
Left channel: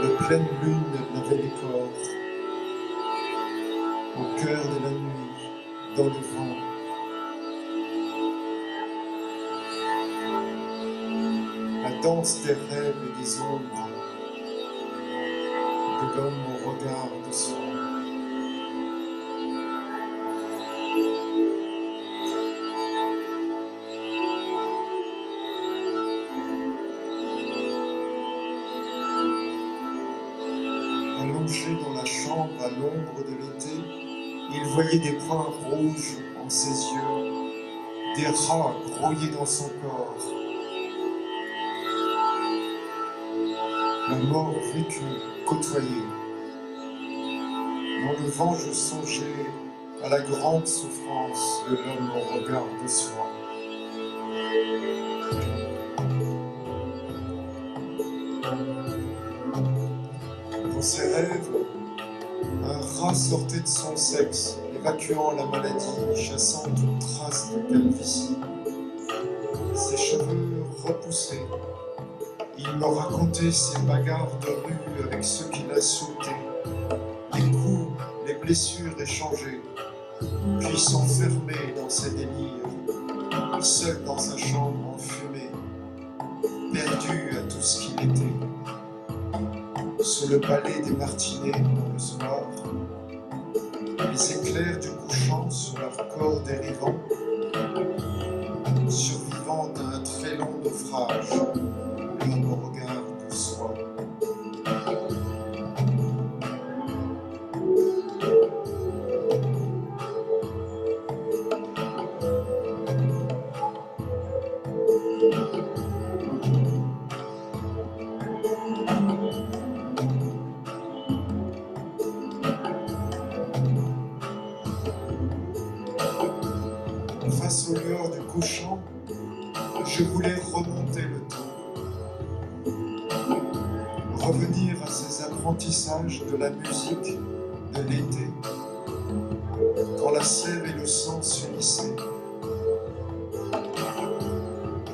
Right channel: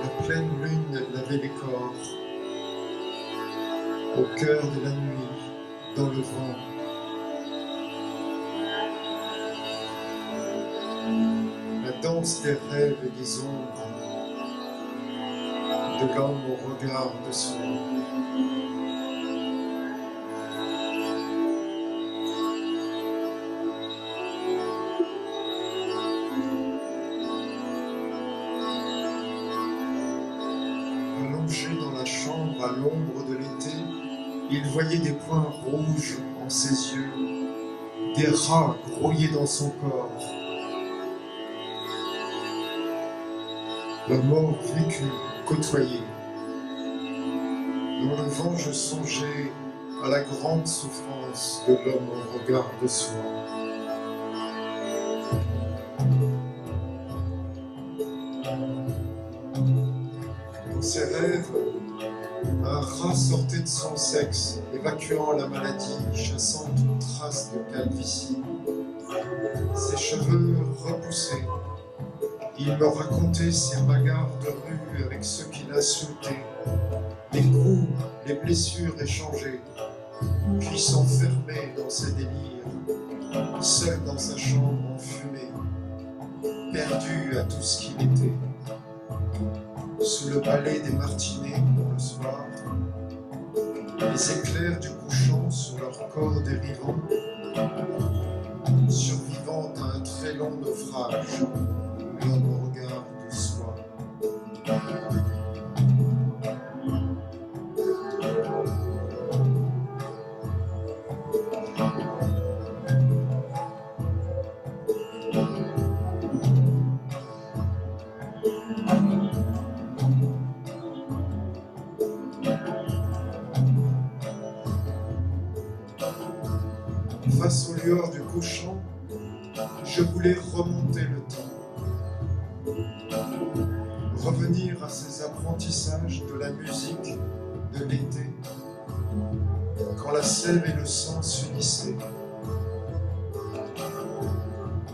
La pleine lune lavait les corps, au cœur de la nuit, dans le vent. La danse des rêves et des ombres, de l'homme au regard de soi. Allongé dans la chambre à l'ombre de l'été, il voyait des points rouges en ses yeux, des rats grouillés dans son corps. La mort vécue, côtoyée. Dans le vent, je songeais à la grande souffrance de l'homme au regard de soi. Dans ses rêves, un rat sortait de son sexe, évacuant la maladie, chassant toute trace de calvitie. Ses cheveux repoussés, il me racontait ses bagarres de rue avec ceux qui l'insultaient, les coups, les blessures échangées, puis s'enfermer dans ses délires, seul dans sa chambre enfumée, perdu à tout ce qu'il était. Sous le balai des martinets dans le soir, les éclairs du couchant sur leur corps dérivant, survivant à un très long naufrage, l'homme au regard de soi. Face aux lueurs du couchant, je voulais remonter le temps, revenir à ces apprentissages de la musique de l'été, quand la sève et le sang s'unissaient,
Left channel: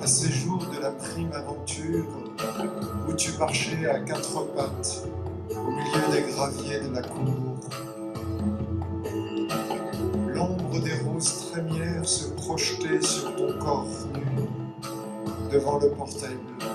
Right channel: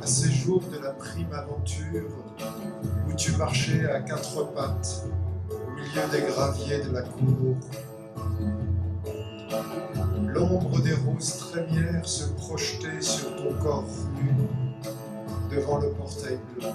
à ces jours de la prime aventure où tu marchais à quatre pattes au milieu des graviers de la cour. L'ombre des roses trémières se projetait sur ton corps nu devant le portail bleu.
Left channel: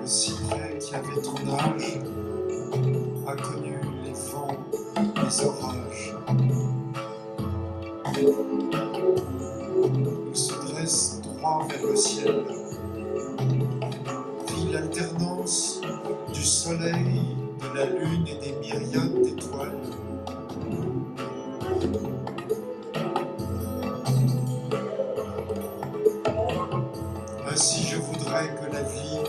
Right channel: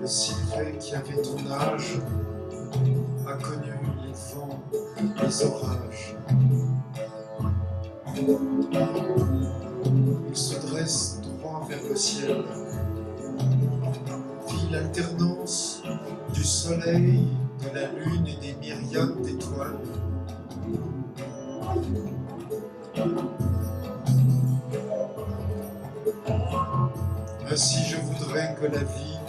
Le cyprès qui avait ton âge a connu le ciel. Vit l'alternance du soleil, de la lune et des myriades d'étoiles. Ainsi je voudrais que la vie,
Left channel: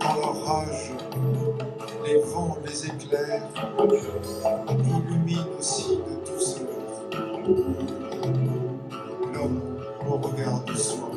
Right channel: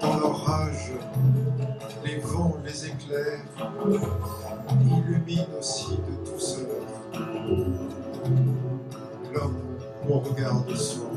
dans leur rage, les vents, les éclairs, illumine aussi de douceur l'homme au regard de soi.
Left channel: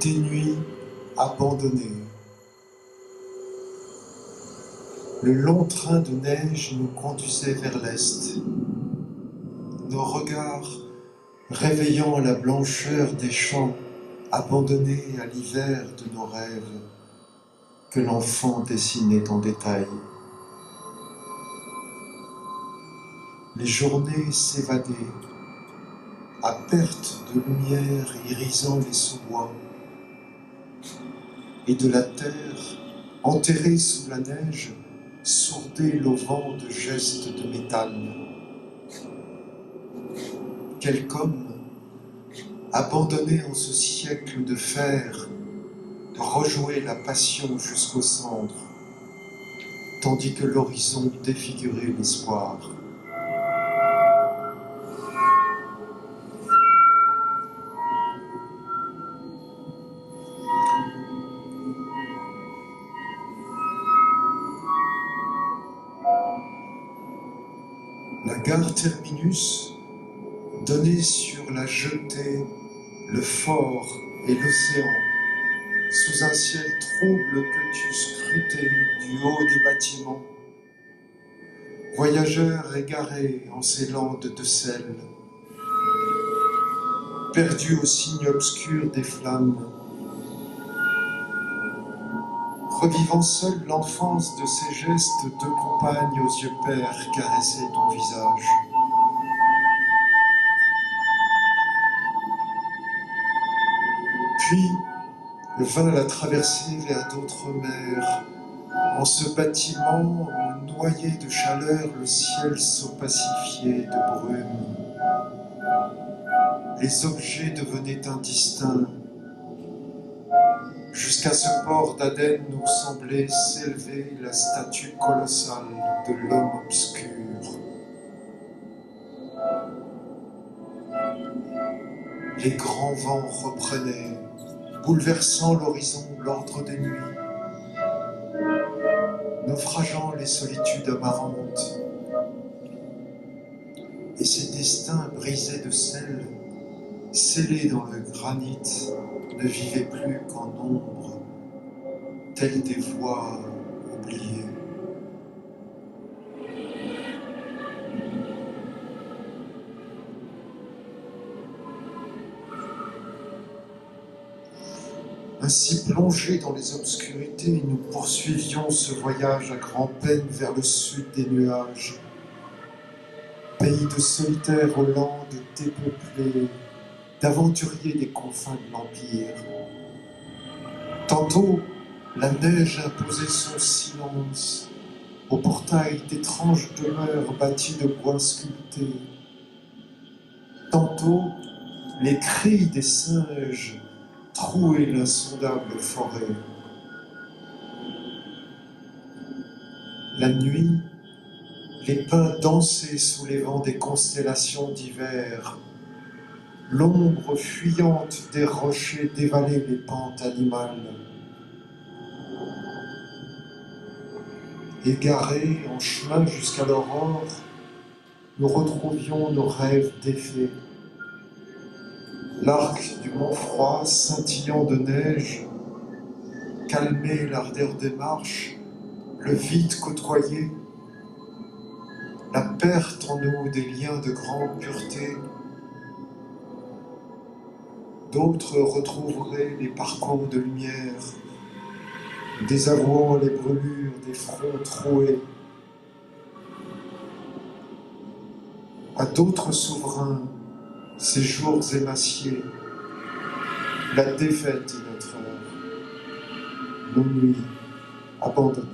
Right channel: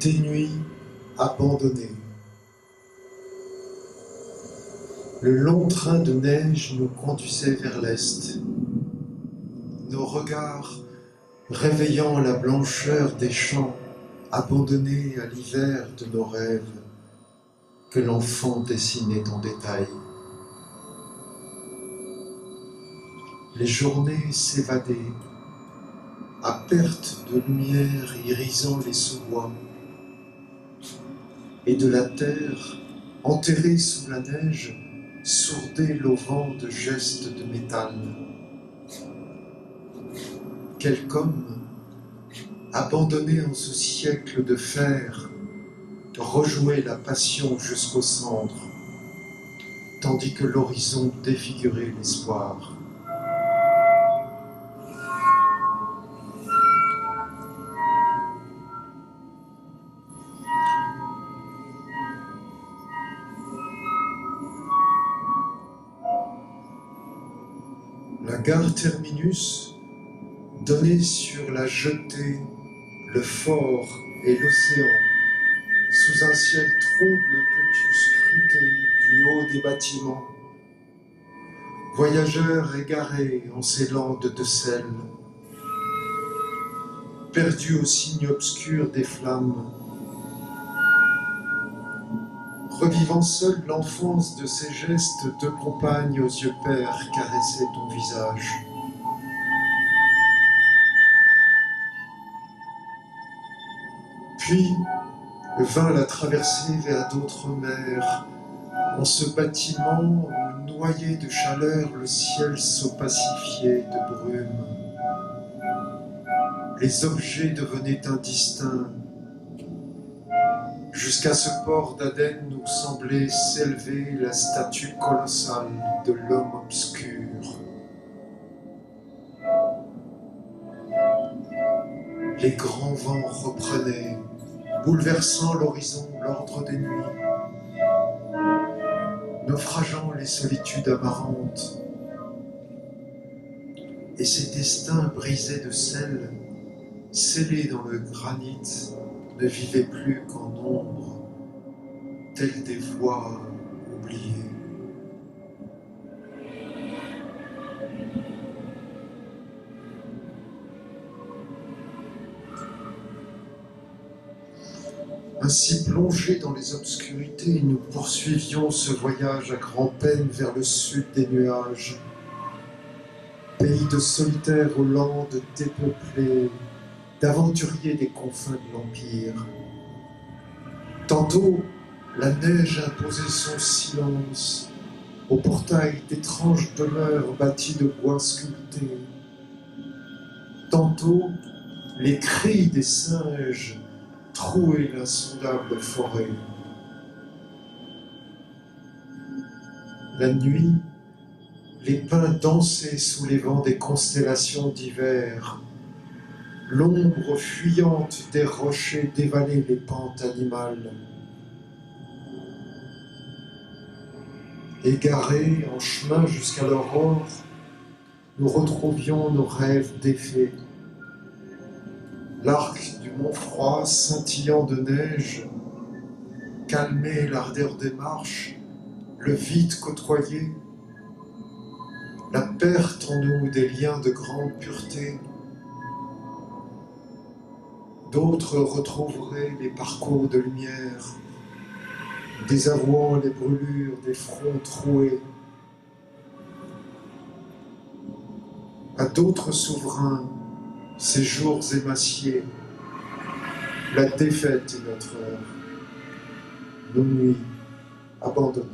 Des nuits abandonnées. Le long train de neige nous conduisait vers l'est. Nos regards réveillant la blancheur des champs abandonnés à l'hiver de nos rêves que l'enfant dessinait en détail. Les journées s'évadaient à perte de lumière irisant les sous-bois, et de la terre, enterrée sous la neige, sourdait l'auvent de gestes de métal. Quelque homme, abandonné en ce siècle de fer, rejouait la passion jusqu'aux cendres, tandis que l'horizon défigurait l'espoir. La gare terminus donnait sur la jetée, le fort et l'océan, sous un ciel trouble que tu scrutais du haut des bâtiments. Voyageurs égarés en ces landes de sel, perdus au signe obscur des flammes, revivant seul l'enfance de ces gestes de compagne aux yeux pères caressaient ton visage. Puis vint la traversée vers d'autres mers, en ce bâtiment où noyé de chaleur, le ciel s'opacifiait de brume. Les objets devenaient indistincts. Jusqu'à ce port d'Aden où semblait s'élever la statue colossale de l'homme obscur. Les grands vents reprenaient, bouleversant l'horizon, l'ordre des nuits, naufrageant les solitudes amarantes. Et ces destins brisés de sel, scellés dans le granit, ne vivaient plus qu'en ombre, tels des voix oubliées. Ainsi plongés dans les obscurités, nous poursuivions ce voyage à grand-peine vers le sud des nuages. Pays de solitaires aux landes dépeuplées, d'aventuriers des confins de l'Empire. Tantôt, la neige imposait son silence au portail d'étranges demeures bâties de bois sculptés. Tantôt, les cris des singes trouaient l'insondable forêt. La nuit, les pins dansaient sous les vents des constellations d'hiver. L'ombre fuyante des rochers dévalait les pentes animales. Égarés en chemin jusqu'à l'aurore, nous retrouvions nos rêves défaits. L'arc du mont froid, scintillant de neige, calmait l'ardeur des marches, le vide côtoyé, la perte en nous des liens de grande pureté. D'autres retrouveraient les parcours de lumière, désavouant les brûlures des fronts troués. À d'autres souverains, ces jours émaciés, la défaite est notre heure, nos nuits abandonnées.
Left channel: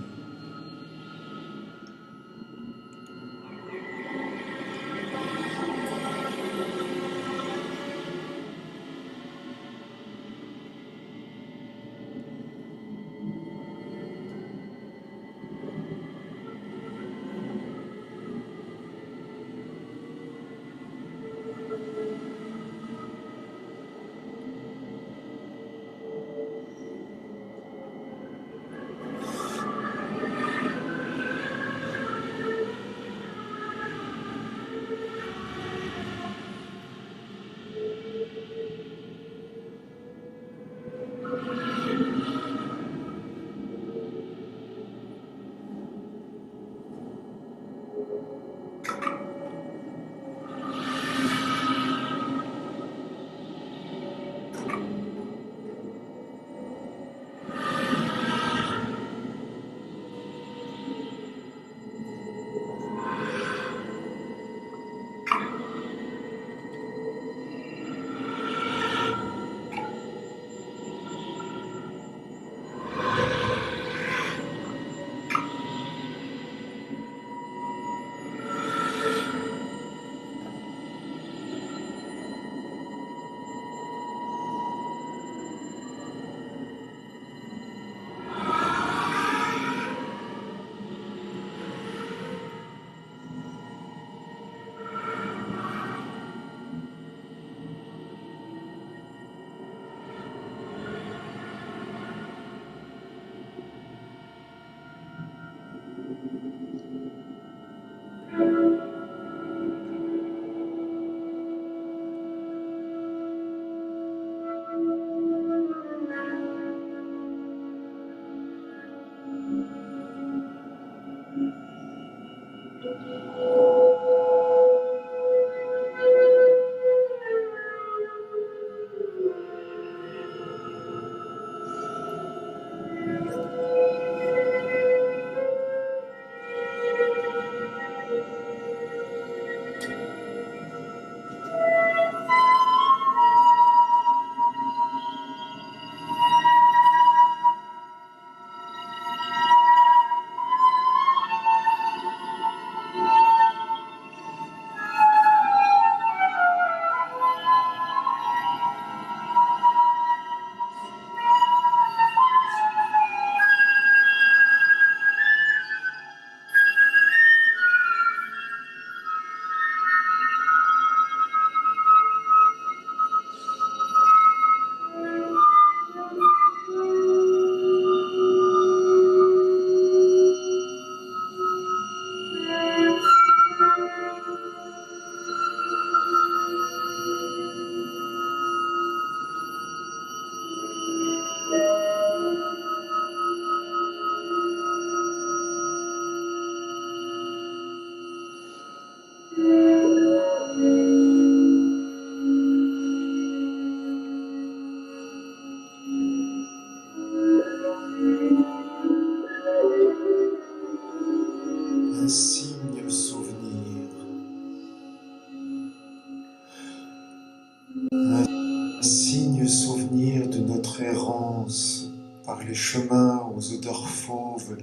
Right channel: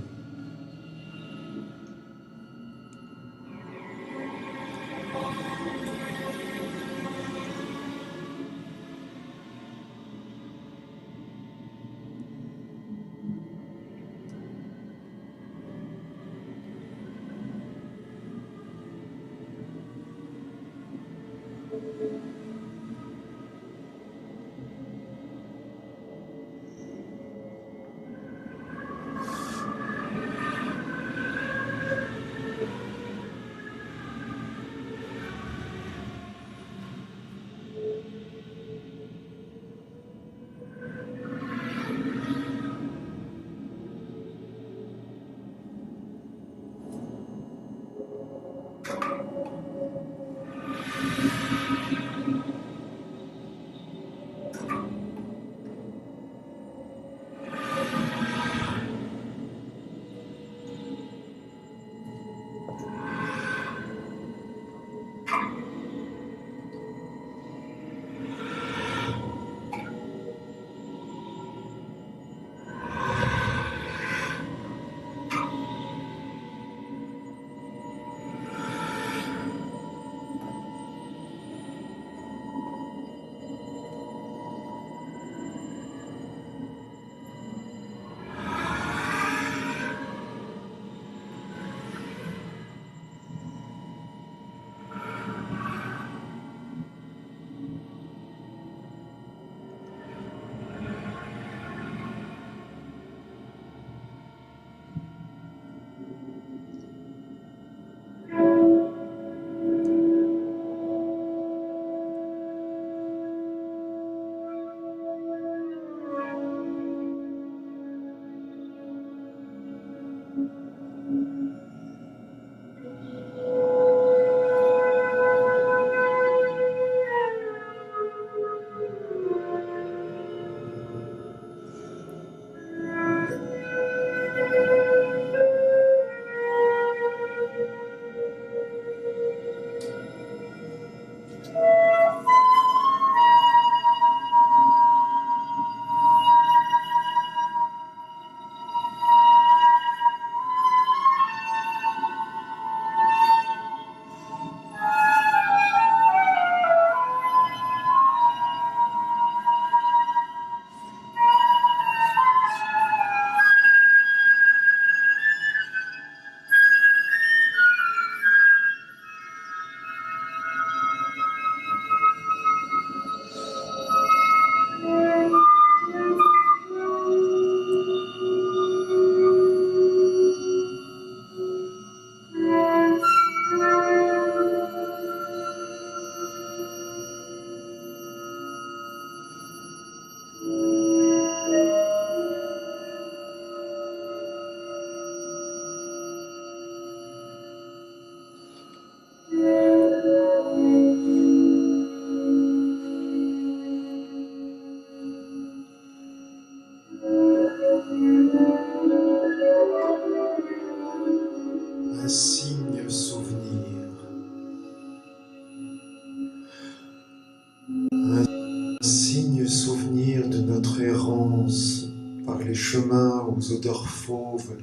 lointains souvenirs de notre errance par les chemins aux odeurs fauves,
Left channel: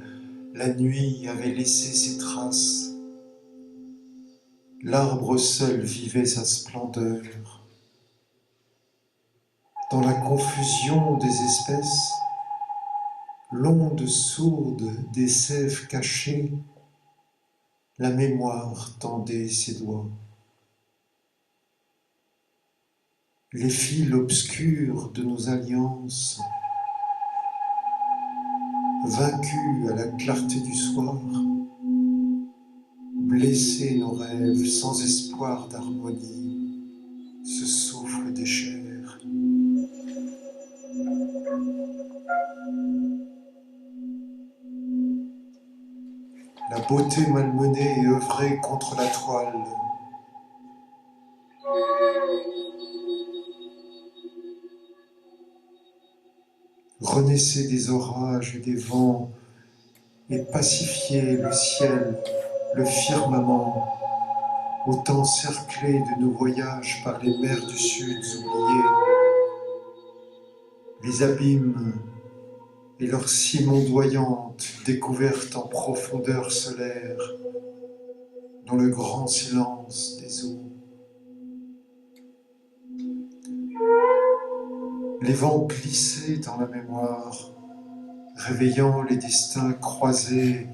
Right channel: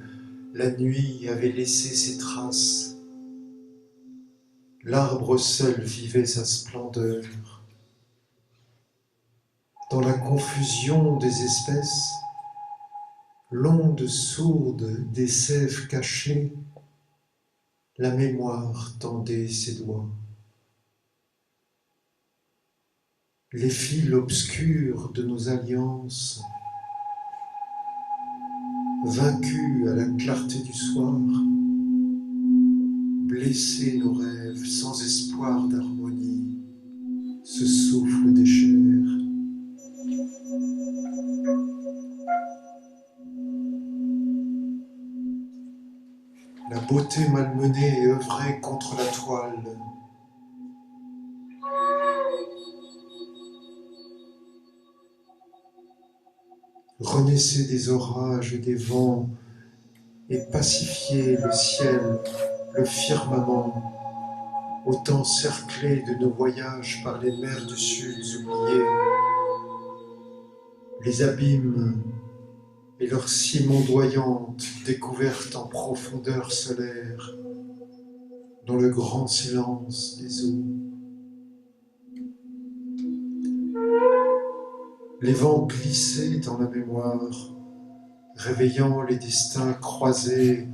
la nuit avait laissé ses traces. L'arbre seul vivait sa splendeur. Dans la confusion des espèces, l'onde sourde des sèves cachées, la mémoire tendait ses doigts. Les fils obscurs de nos alliances, vaincus à la clarté du soir, blessaient nos rêves sans espoir d'harmonie, ce souffle des chairs. La beauté malmenée œuvrait contre la toile. Renaissaient des orages et des vents et pacifiaient le ciel, le firmament, autant cerclés de nos voyages par les mers du sud oubliées, les abîmes et leurs cimes ondoyantes découvertes en profondeur solaire, dans le grand silence des eaux. Les vents glissaient dans la mémoire, réveillant les destins croisés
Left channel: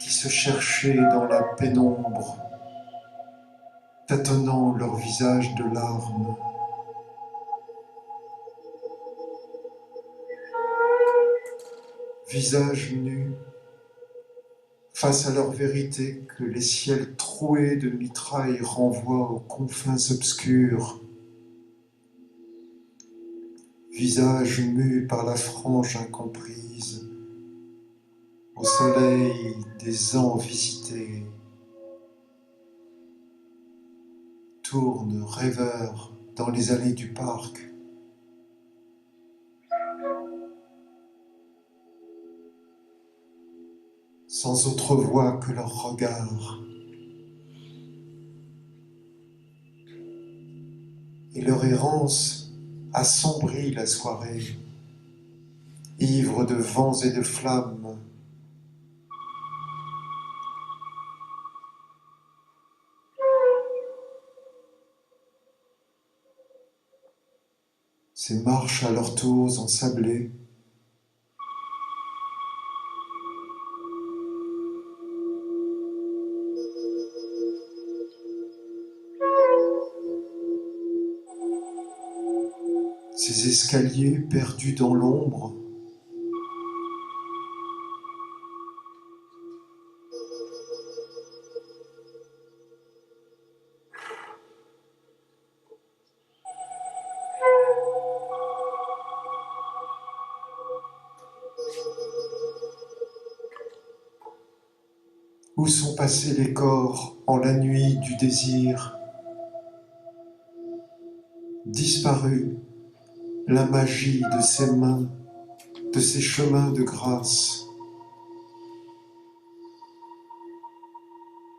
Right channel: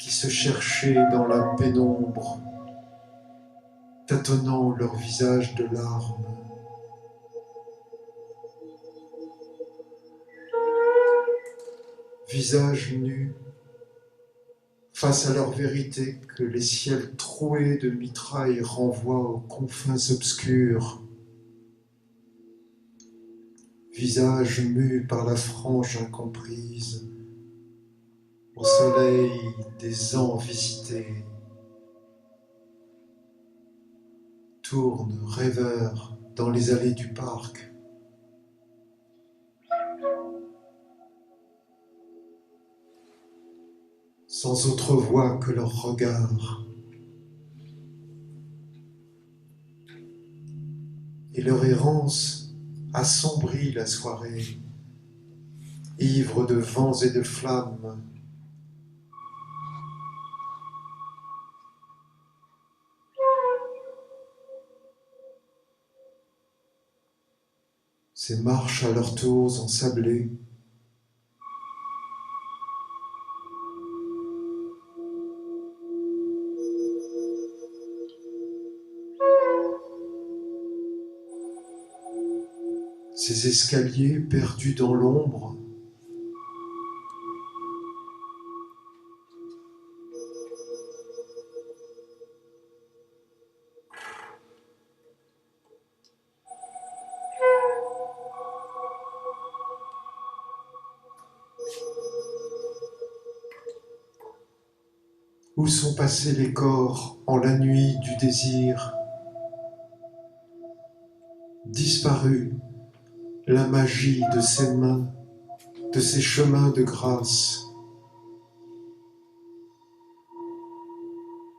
qui se cherchaient dans la pénombre, tâtonnant leur visage de larmes. Visage nus, face à leur vérité que les ciels troués de mitrailles renvoient aux confins obscurs. Visage mu par la frange incomprise, au soleil des ans visités, tourne rêveur dans les allées du parc. Sans autre voix que leur regard. Et leur errance assombrit la soirée, ivre de vents et de flammes. Ces marches à leur tour ensablées, ces escaliers perdus dans l'ombre, où sont passés les corps en la nuit du désir, disparue la magie de ces mains, de ces chemins de grâce.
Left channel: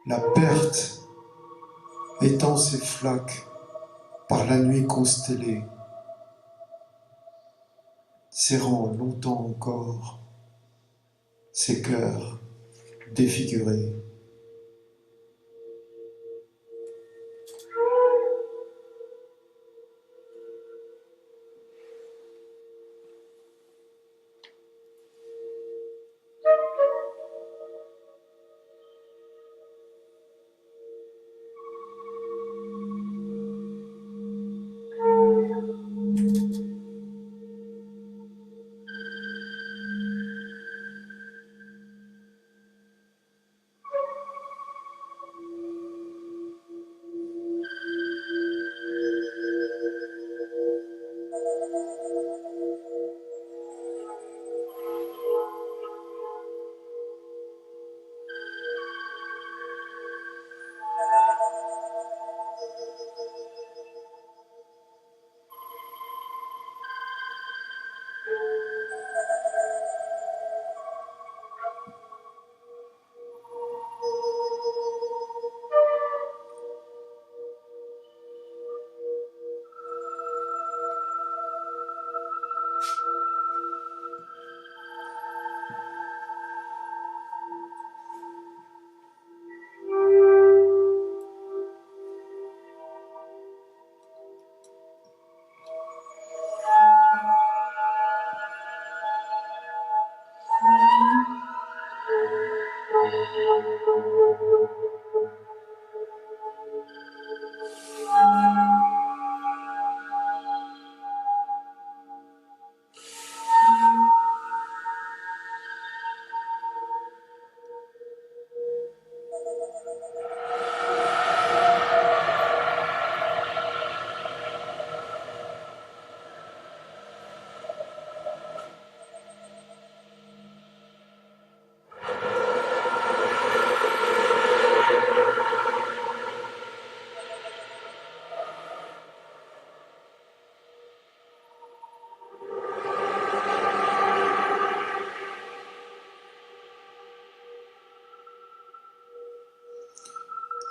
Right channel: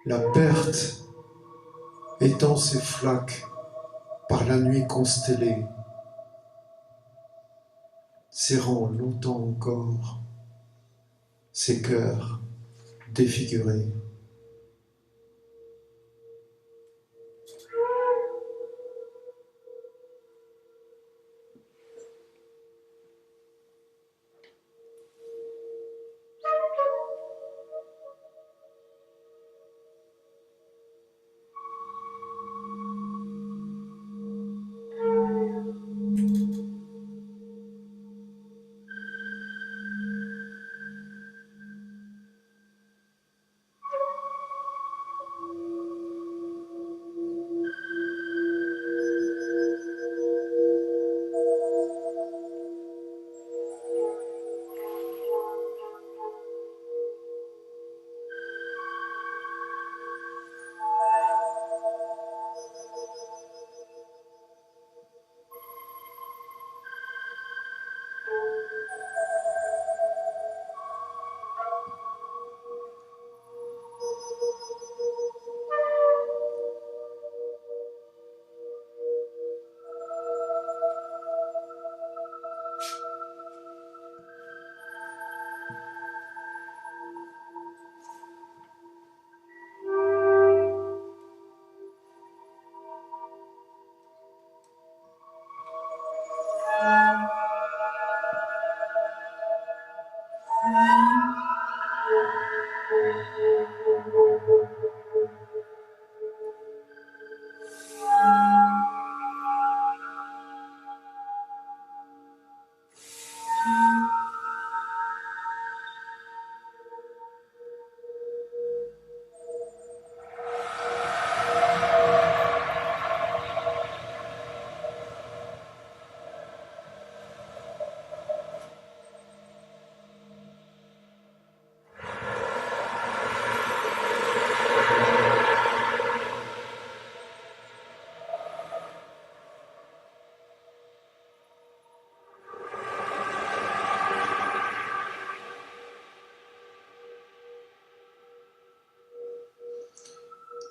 La perte étend ses flaques par la nuit constellée, serrant longtemps encore ses cœurs défigurés.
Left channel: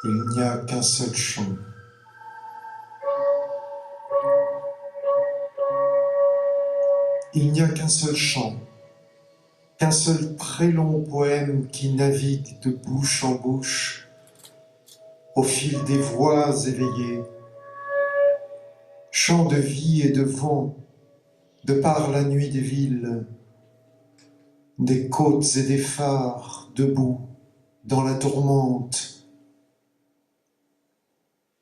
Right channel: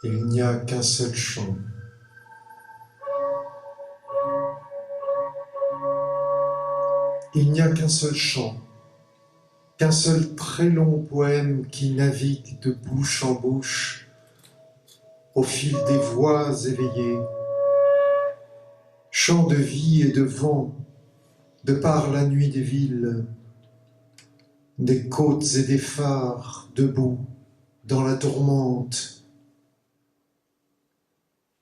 Il n'y a qu'un seul chant. Il n'y a qu'un seul chant, qu'un seul très long poème qui navigue de bouche en bouche au fil des voix éveillées. Chant de vie et de vent, de par la nuit des villes, des côtes et des phares debout dans la tourmente,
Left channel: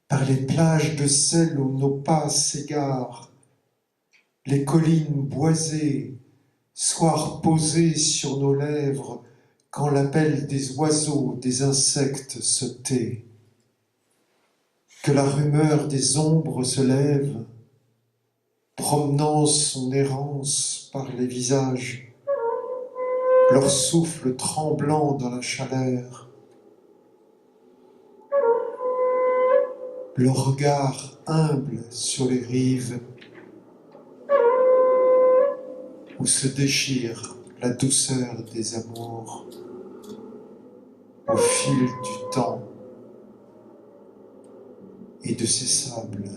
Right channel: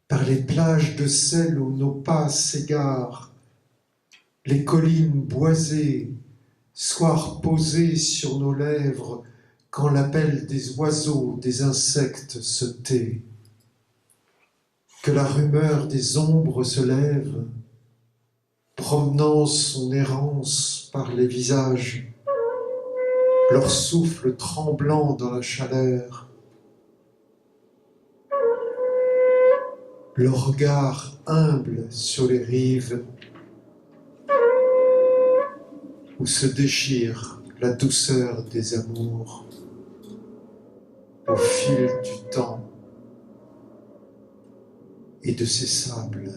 par les plages de sel où nos pas s'égarent, les collines boisées, soirs posés sur nos lèvres quand l'appel des oiseaux, des insectes se tait, que la rumeur des ombres se lève, promenant son errance par les visages, leur souffle tremblant dans la chaleur, leur regard humble sur les rives où se déchire la douceur des amours au fil du temps et de ses sables.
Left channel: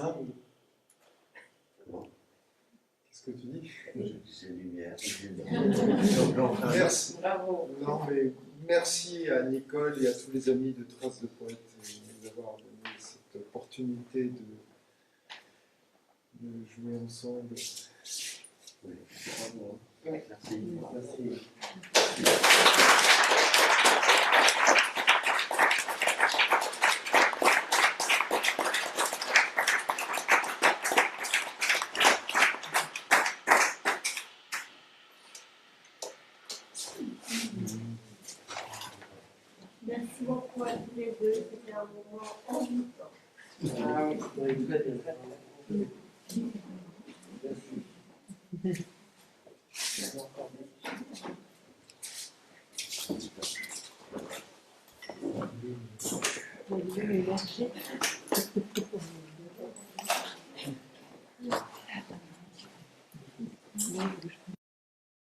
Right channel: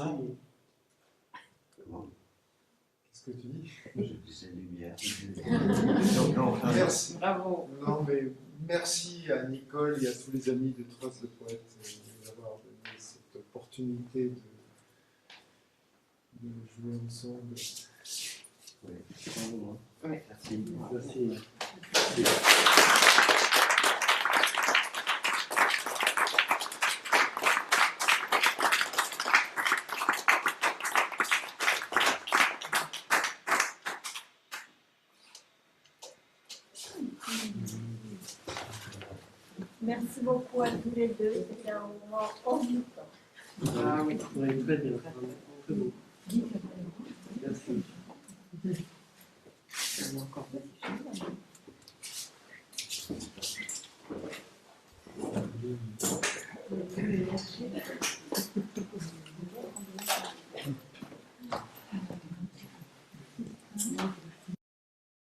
Hein? Comment? Qu'est-ce que tu dis? Je disais lumière. Merci. Bravo. Non, mais merci à Nicole et à tous les amis de Traces de Poète d'avoir donné cette opportunité de jouer ensemble. Oui, bravo. Oui. Merci. Merci. Merci beaucoup à tous les deux. C'était un moment envoûtant. Ah oui. Merci. Encore Merci.